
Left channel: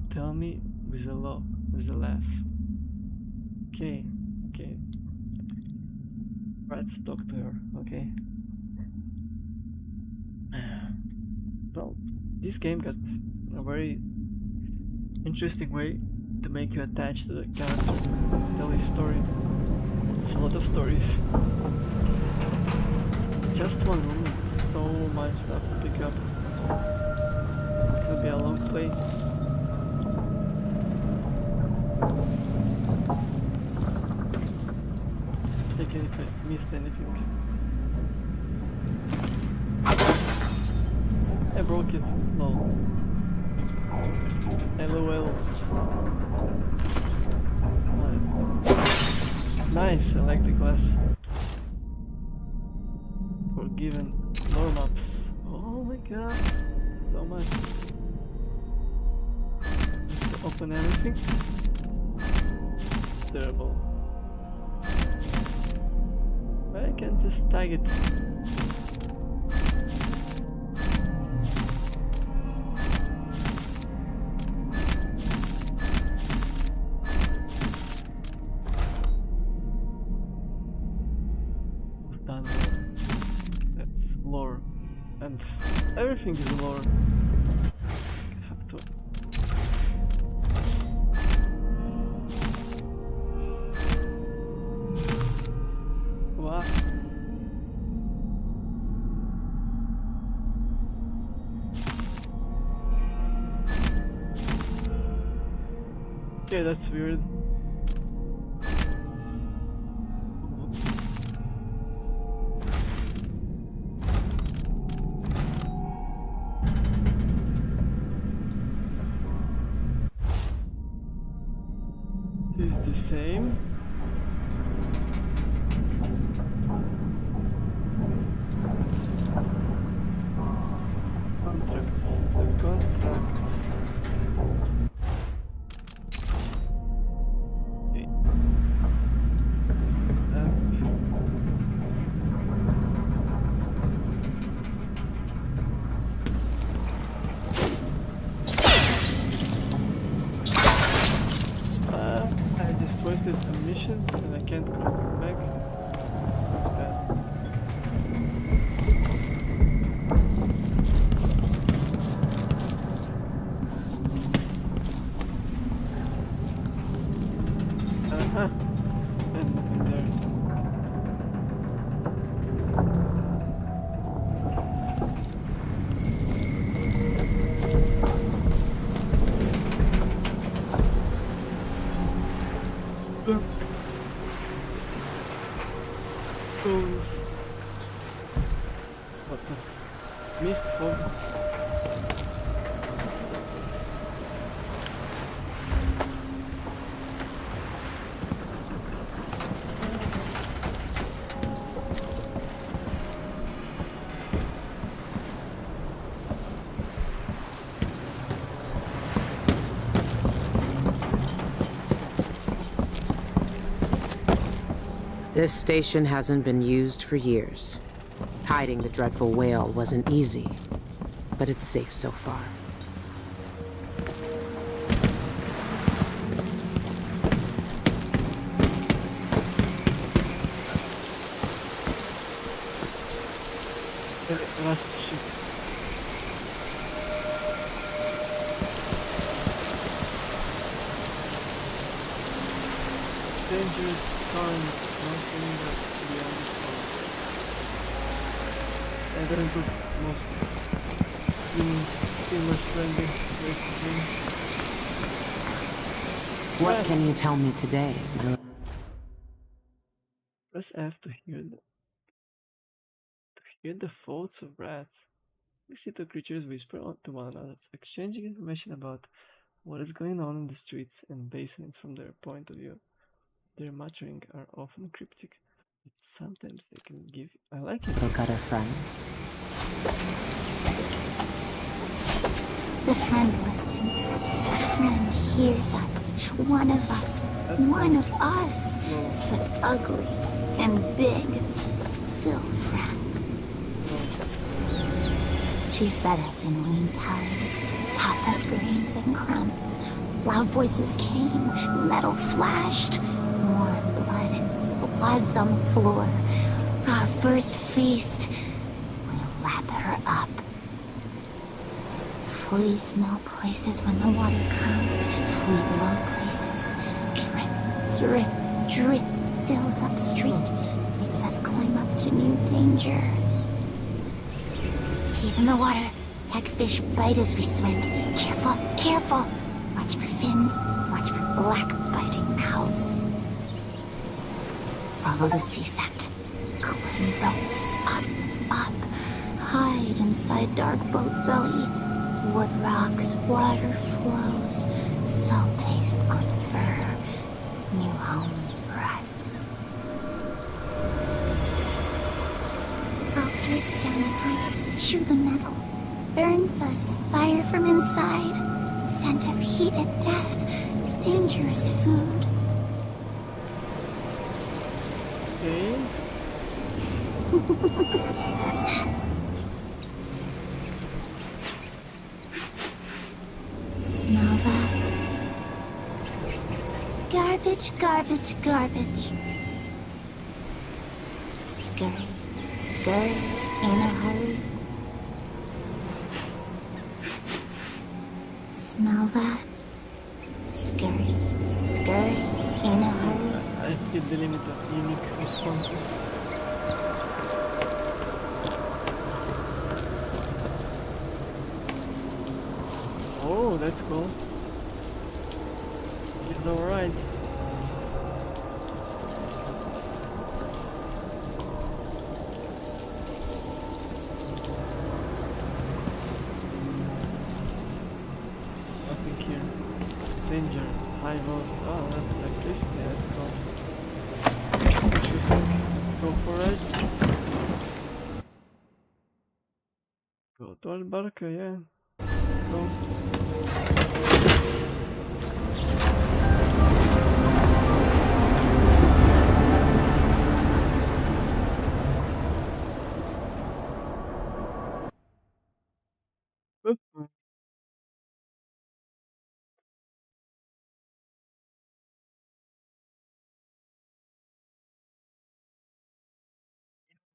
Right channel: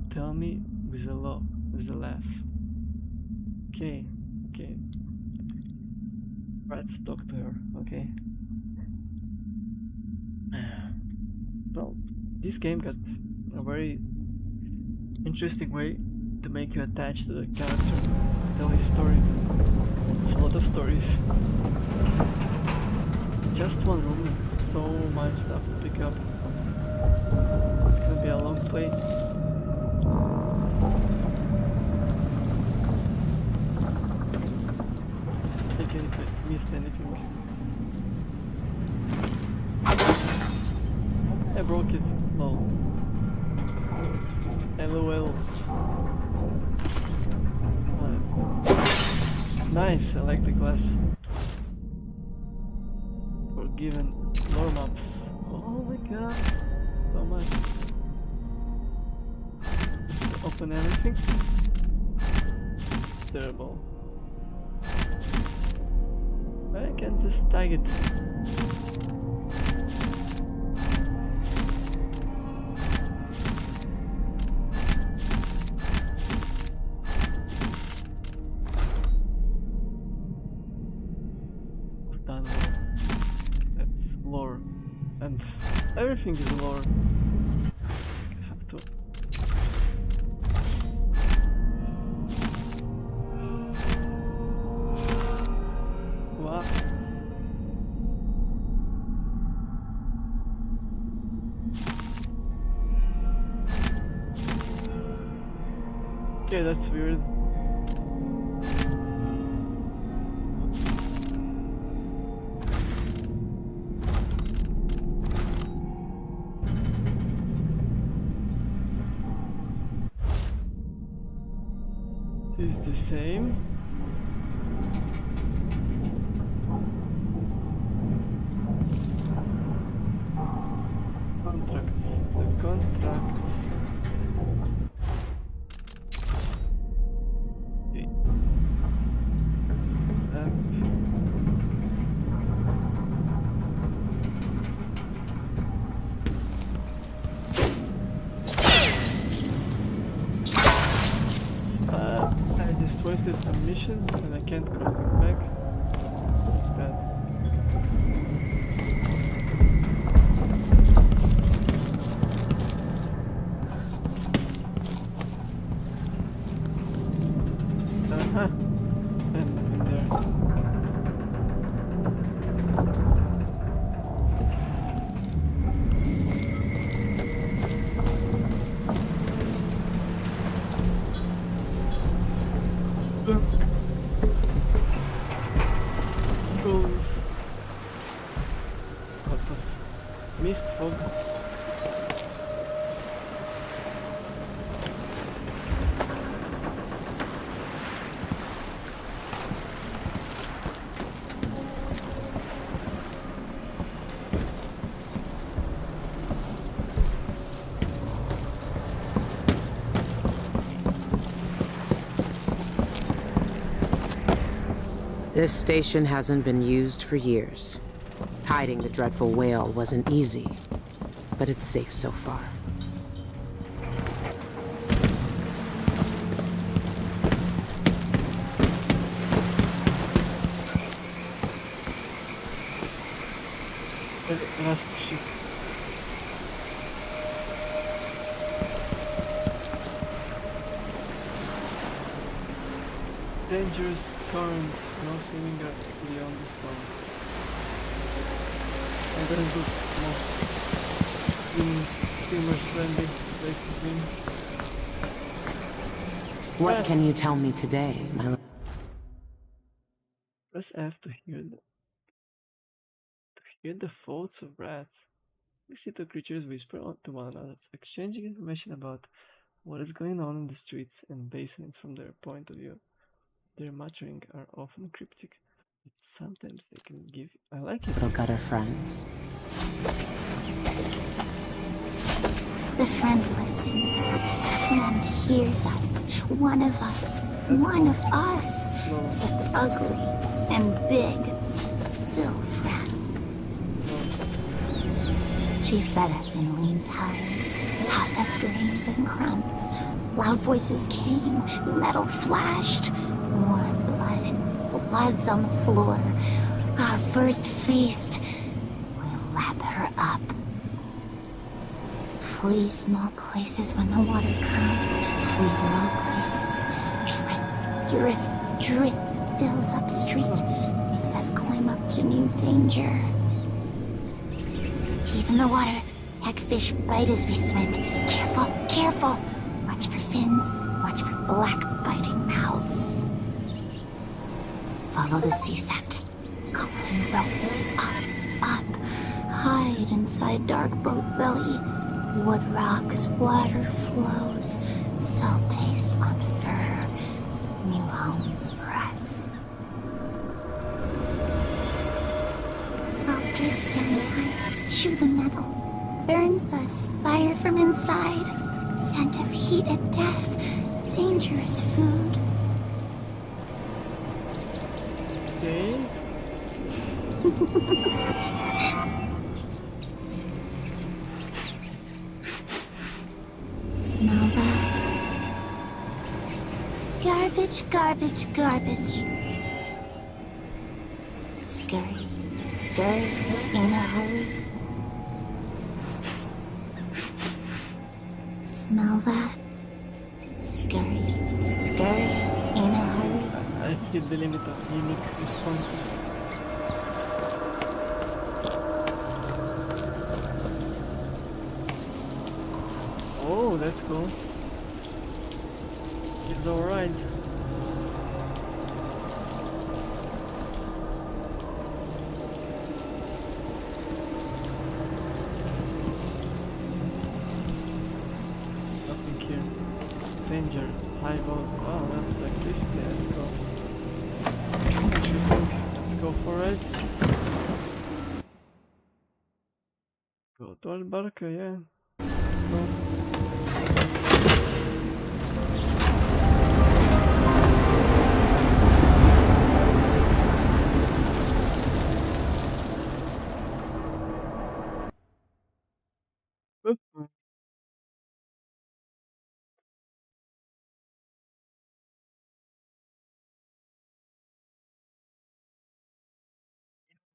tell me with a laugh. Okay, okay. Rats talk to her, okay? Well, this game got a very interesting way to make you attached to the character, tell his story. It's a lot of stories. Just one room, and so much stuff to pick up. It's gonna be a long play. I think if I missed anything. I broke it. Lol. LOL. Nice, I like the glass. Forgiven lore maps. Oh my god, so much. Have to open everything. It's terrible. I can just tag it. Done. That's lore, and everything is lore. I have to. What? Okay, that's weird. Is the same. Contracts. The contracts. Okay. I just wasted a mission and I can't come back. That's bad. And nothing there. Bones. Lots of mist fog. This station hasn't been used for years. Hiding the dreadful whale wasn't easy, but it's safe so far. Last ship. Dangerous current, no swimming beyond the storm. I don't look most swimmers friendly place to swim. What can you tell me today, my love? Press F to hear the thoughts of rats. These little creatures whisper to one another, exchanging information about what is going on in the streets and basements from their point of view. Their muttering are often cryptic, It's sometimes they can give you. I like it. Little gutter friends. The fan listens. And hears us. One of us. One of us. Ugly and big. Still friend. She fed us in lean times. Taught us veins and crumbs. Loud voices came. Metal flashed. More blood. Flies on the floor. Our first feast. Wrap her up. Fully small places when the water comes. Fully long places. Drip, drip, fills up street. Says climb up to new danger. In the water, hagfish bite as we swim. Careful, careful. Watch for fins. Watch for black biting mouths. Follow the sea set. Climb bubbles up, up. Hide inside dark boat belly. Wood rocks, water flows. Salt tastes on fur. New homes press. Soldiers and shoot in the middle. Burns us, fire from inside. Scent of heat and death. Dangerous food. Okay. Smell that. Garbage, garbage, garbage. Scary, scary, and smell that. Scary, scary, and I hit the limit of unique responses. Oh, that's cool. It's alright. Nothing here. Danger. High volt. Oh, that's electricity. Let's go. Interesting. Let's go for it. Go to Albarca, yeah. Let's go.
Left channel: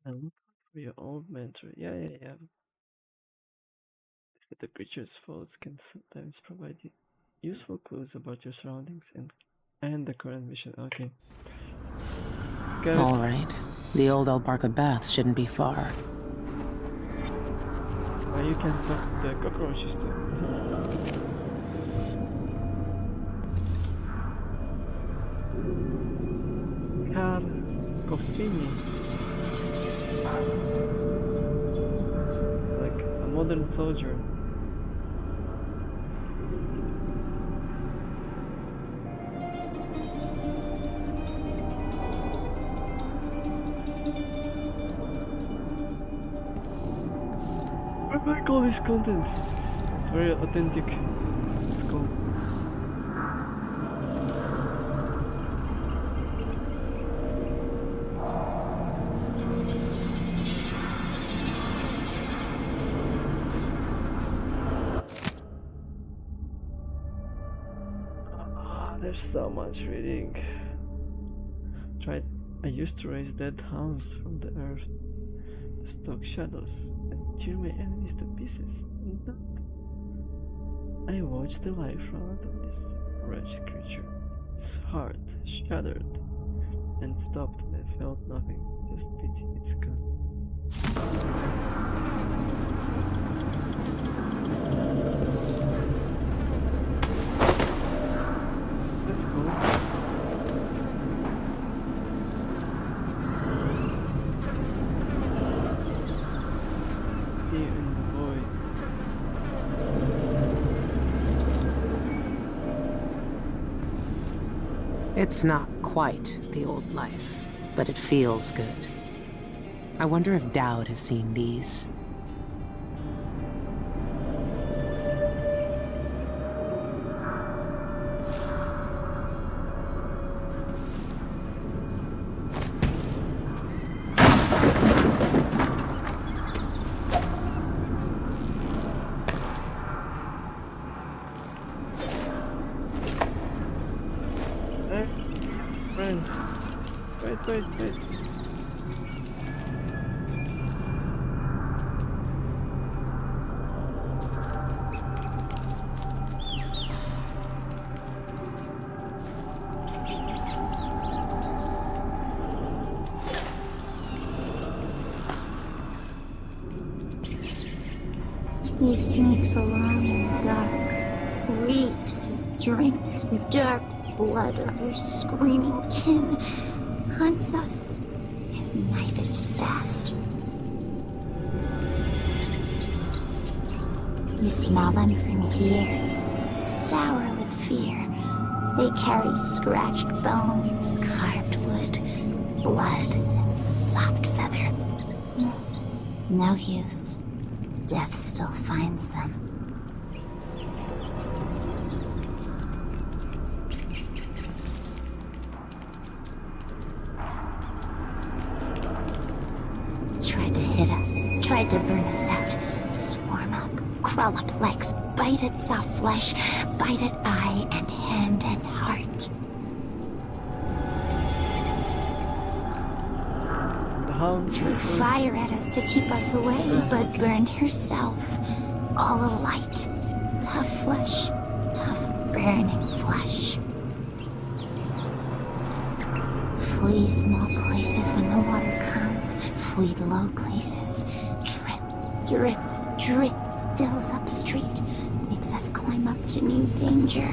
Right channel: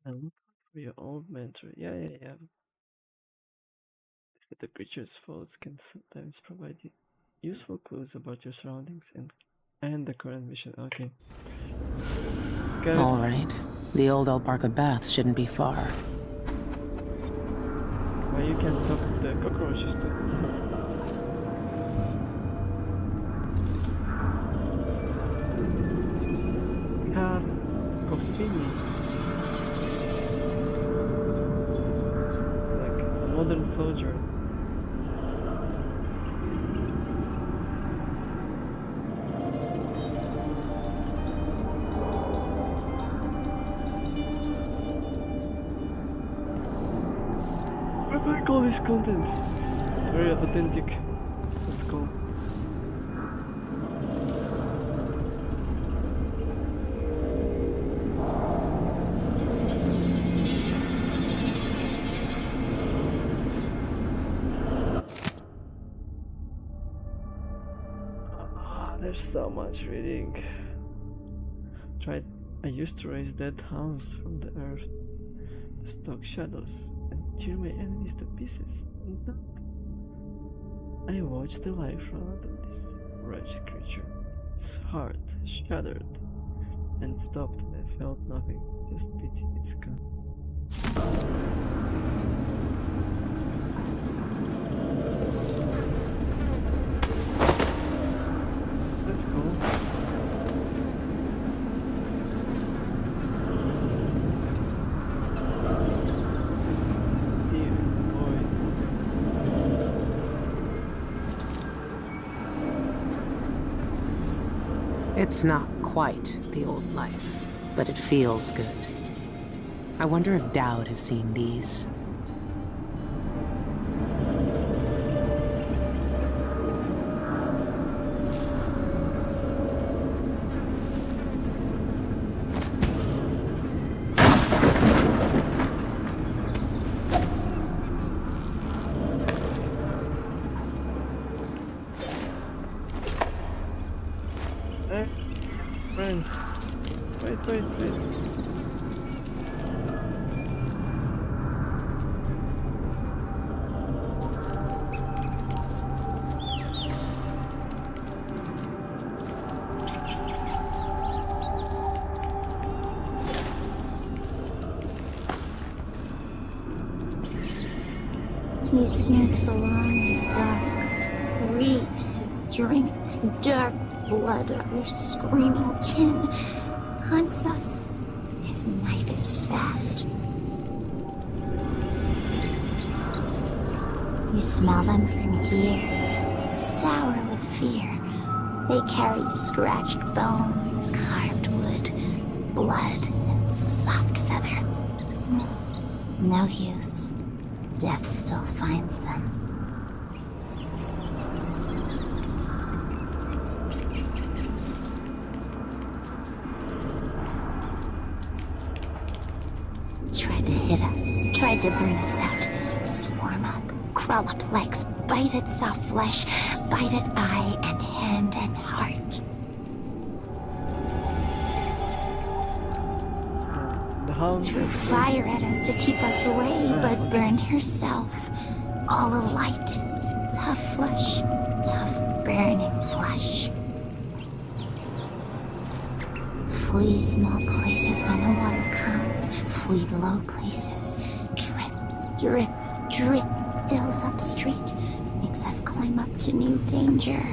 And look out for your old mentor. Yeah, yeah, yeah. Is that the creature's faults can sometimes provide you useful clues about your surroundings and the current mission. Okay. Got it. All right. The old Albarca baths shouldn't be far. Well, you can talk to the cockroaches too. Car Coffini. Like a modern soldier. I like all this content. It's very authentic. Let's go. There's so much reading. I used to raise dead hounds from the earth to stalk shadows and tear my enemies to pieces. And now I watched the life run out of this wretched creature. Its heart shattered and stopped, and I felt nothing, just pity its gun. Let's go. It's not quite the old life, but it feels good. I wonder if Dowd has seen these. Friends, wait. He sings along in dark, weeps, drink dark blood of your screaming kin, hunts us. His night is fast. We smell them from here, sour with fear. They carry scratched bones, carved wood, blood, and sock feather. No use. Death still finds them. Try to hit us, try to intercept, swarm up, crawl up legs, bite at its soft flesh, bite at eye and hand and heart. The hound Through fire ends to keep us away, but burn yourself. All alight. Tough flesh, tough burning flesh. Flee small places when no one comes. Flee low places. Drip fills up street. Makes us climb up to new danger.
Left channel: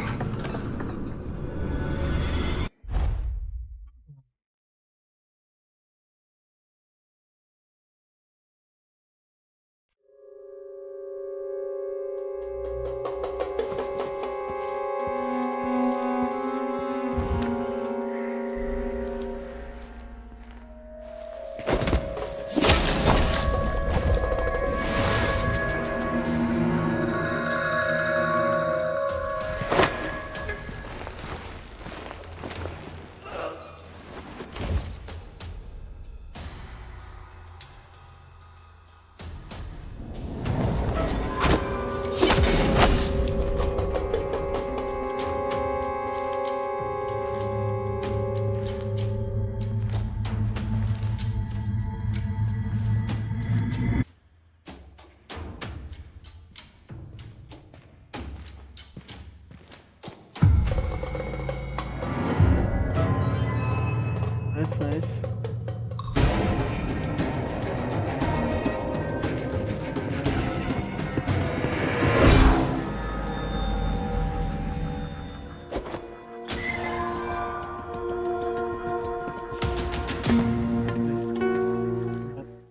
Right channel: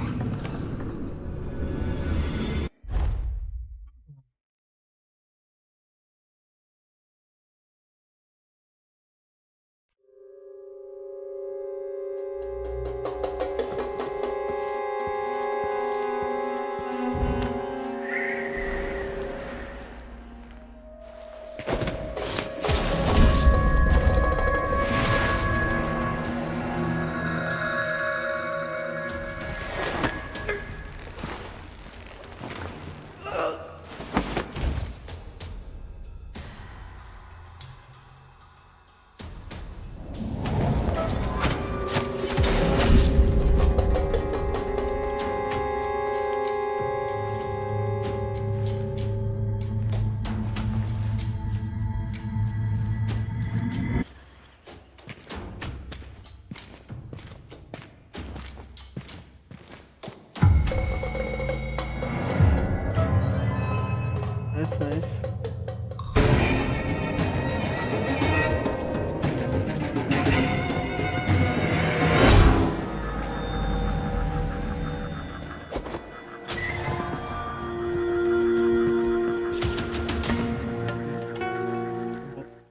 That's nice.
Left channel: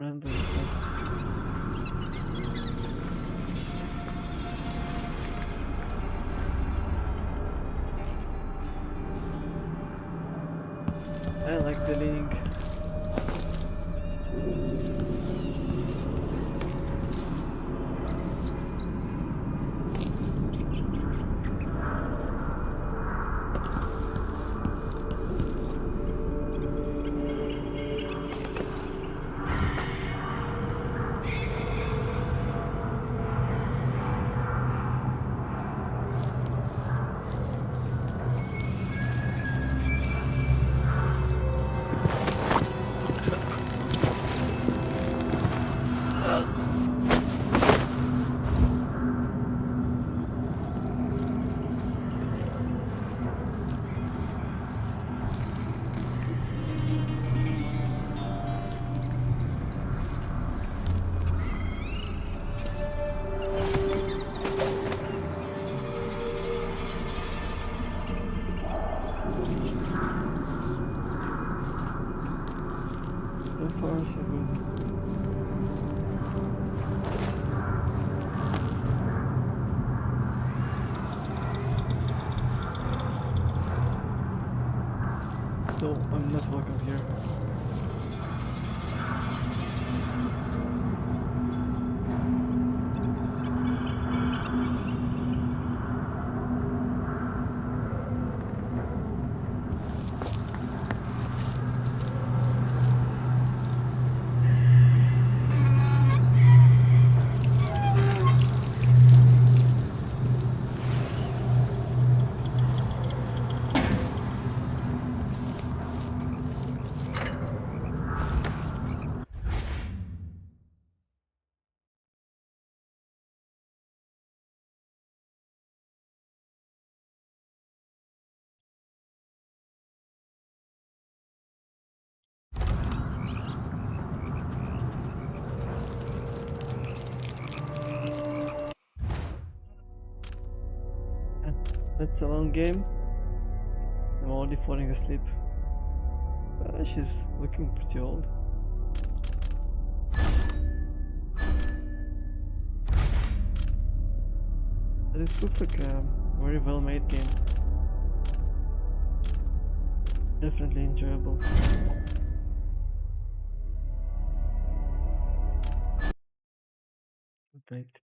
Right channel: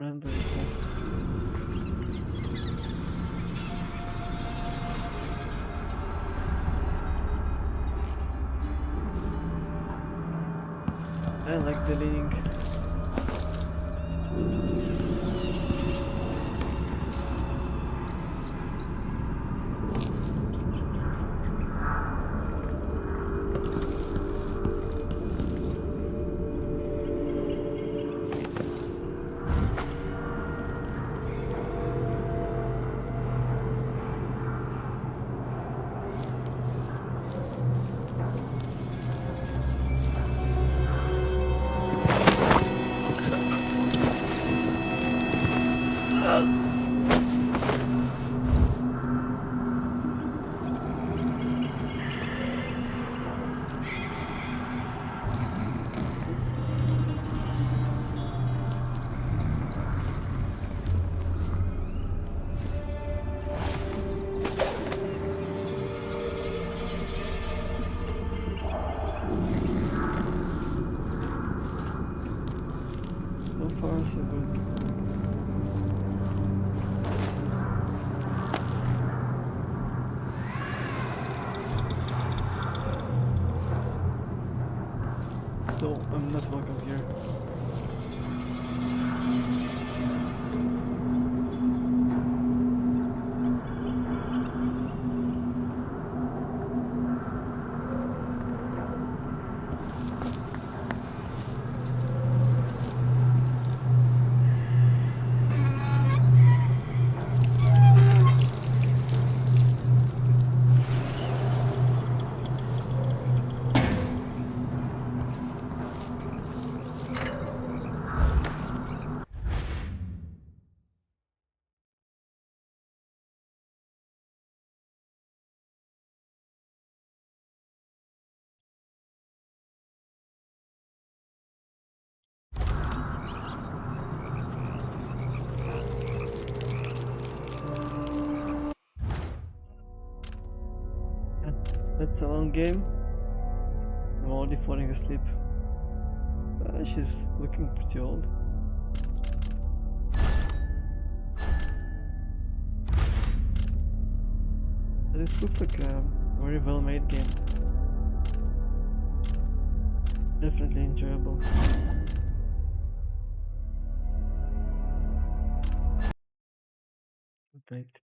Random request. I like the link. So far, so good. so I'm not welcome here. That's a long game. I'm already falling asleep. She's looking pretty old. But it looks like a very well made game. Definitely enjoyable. Right.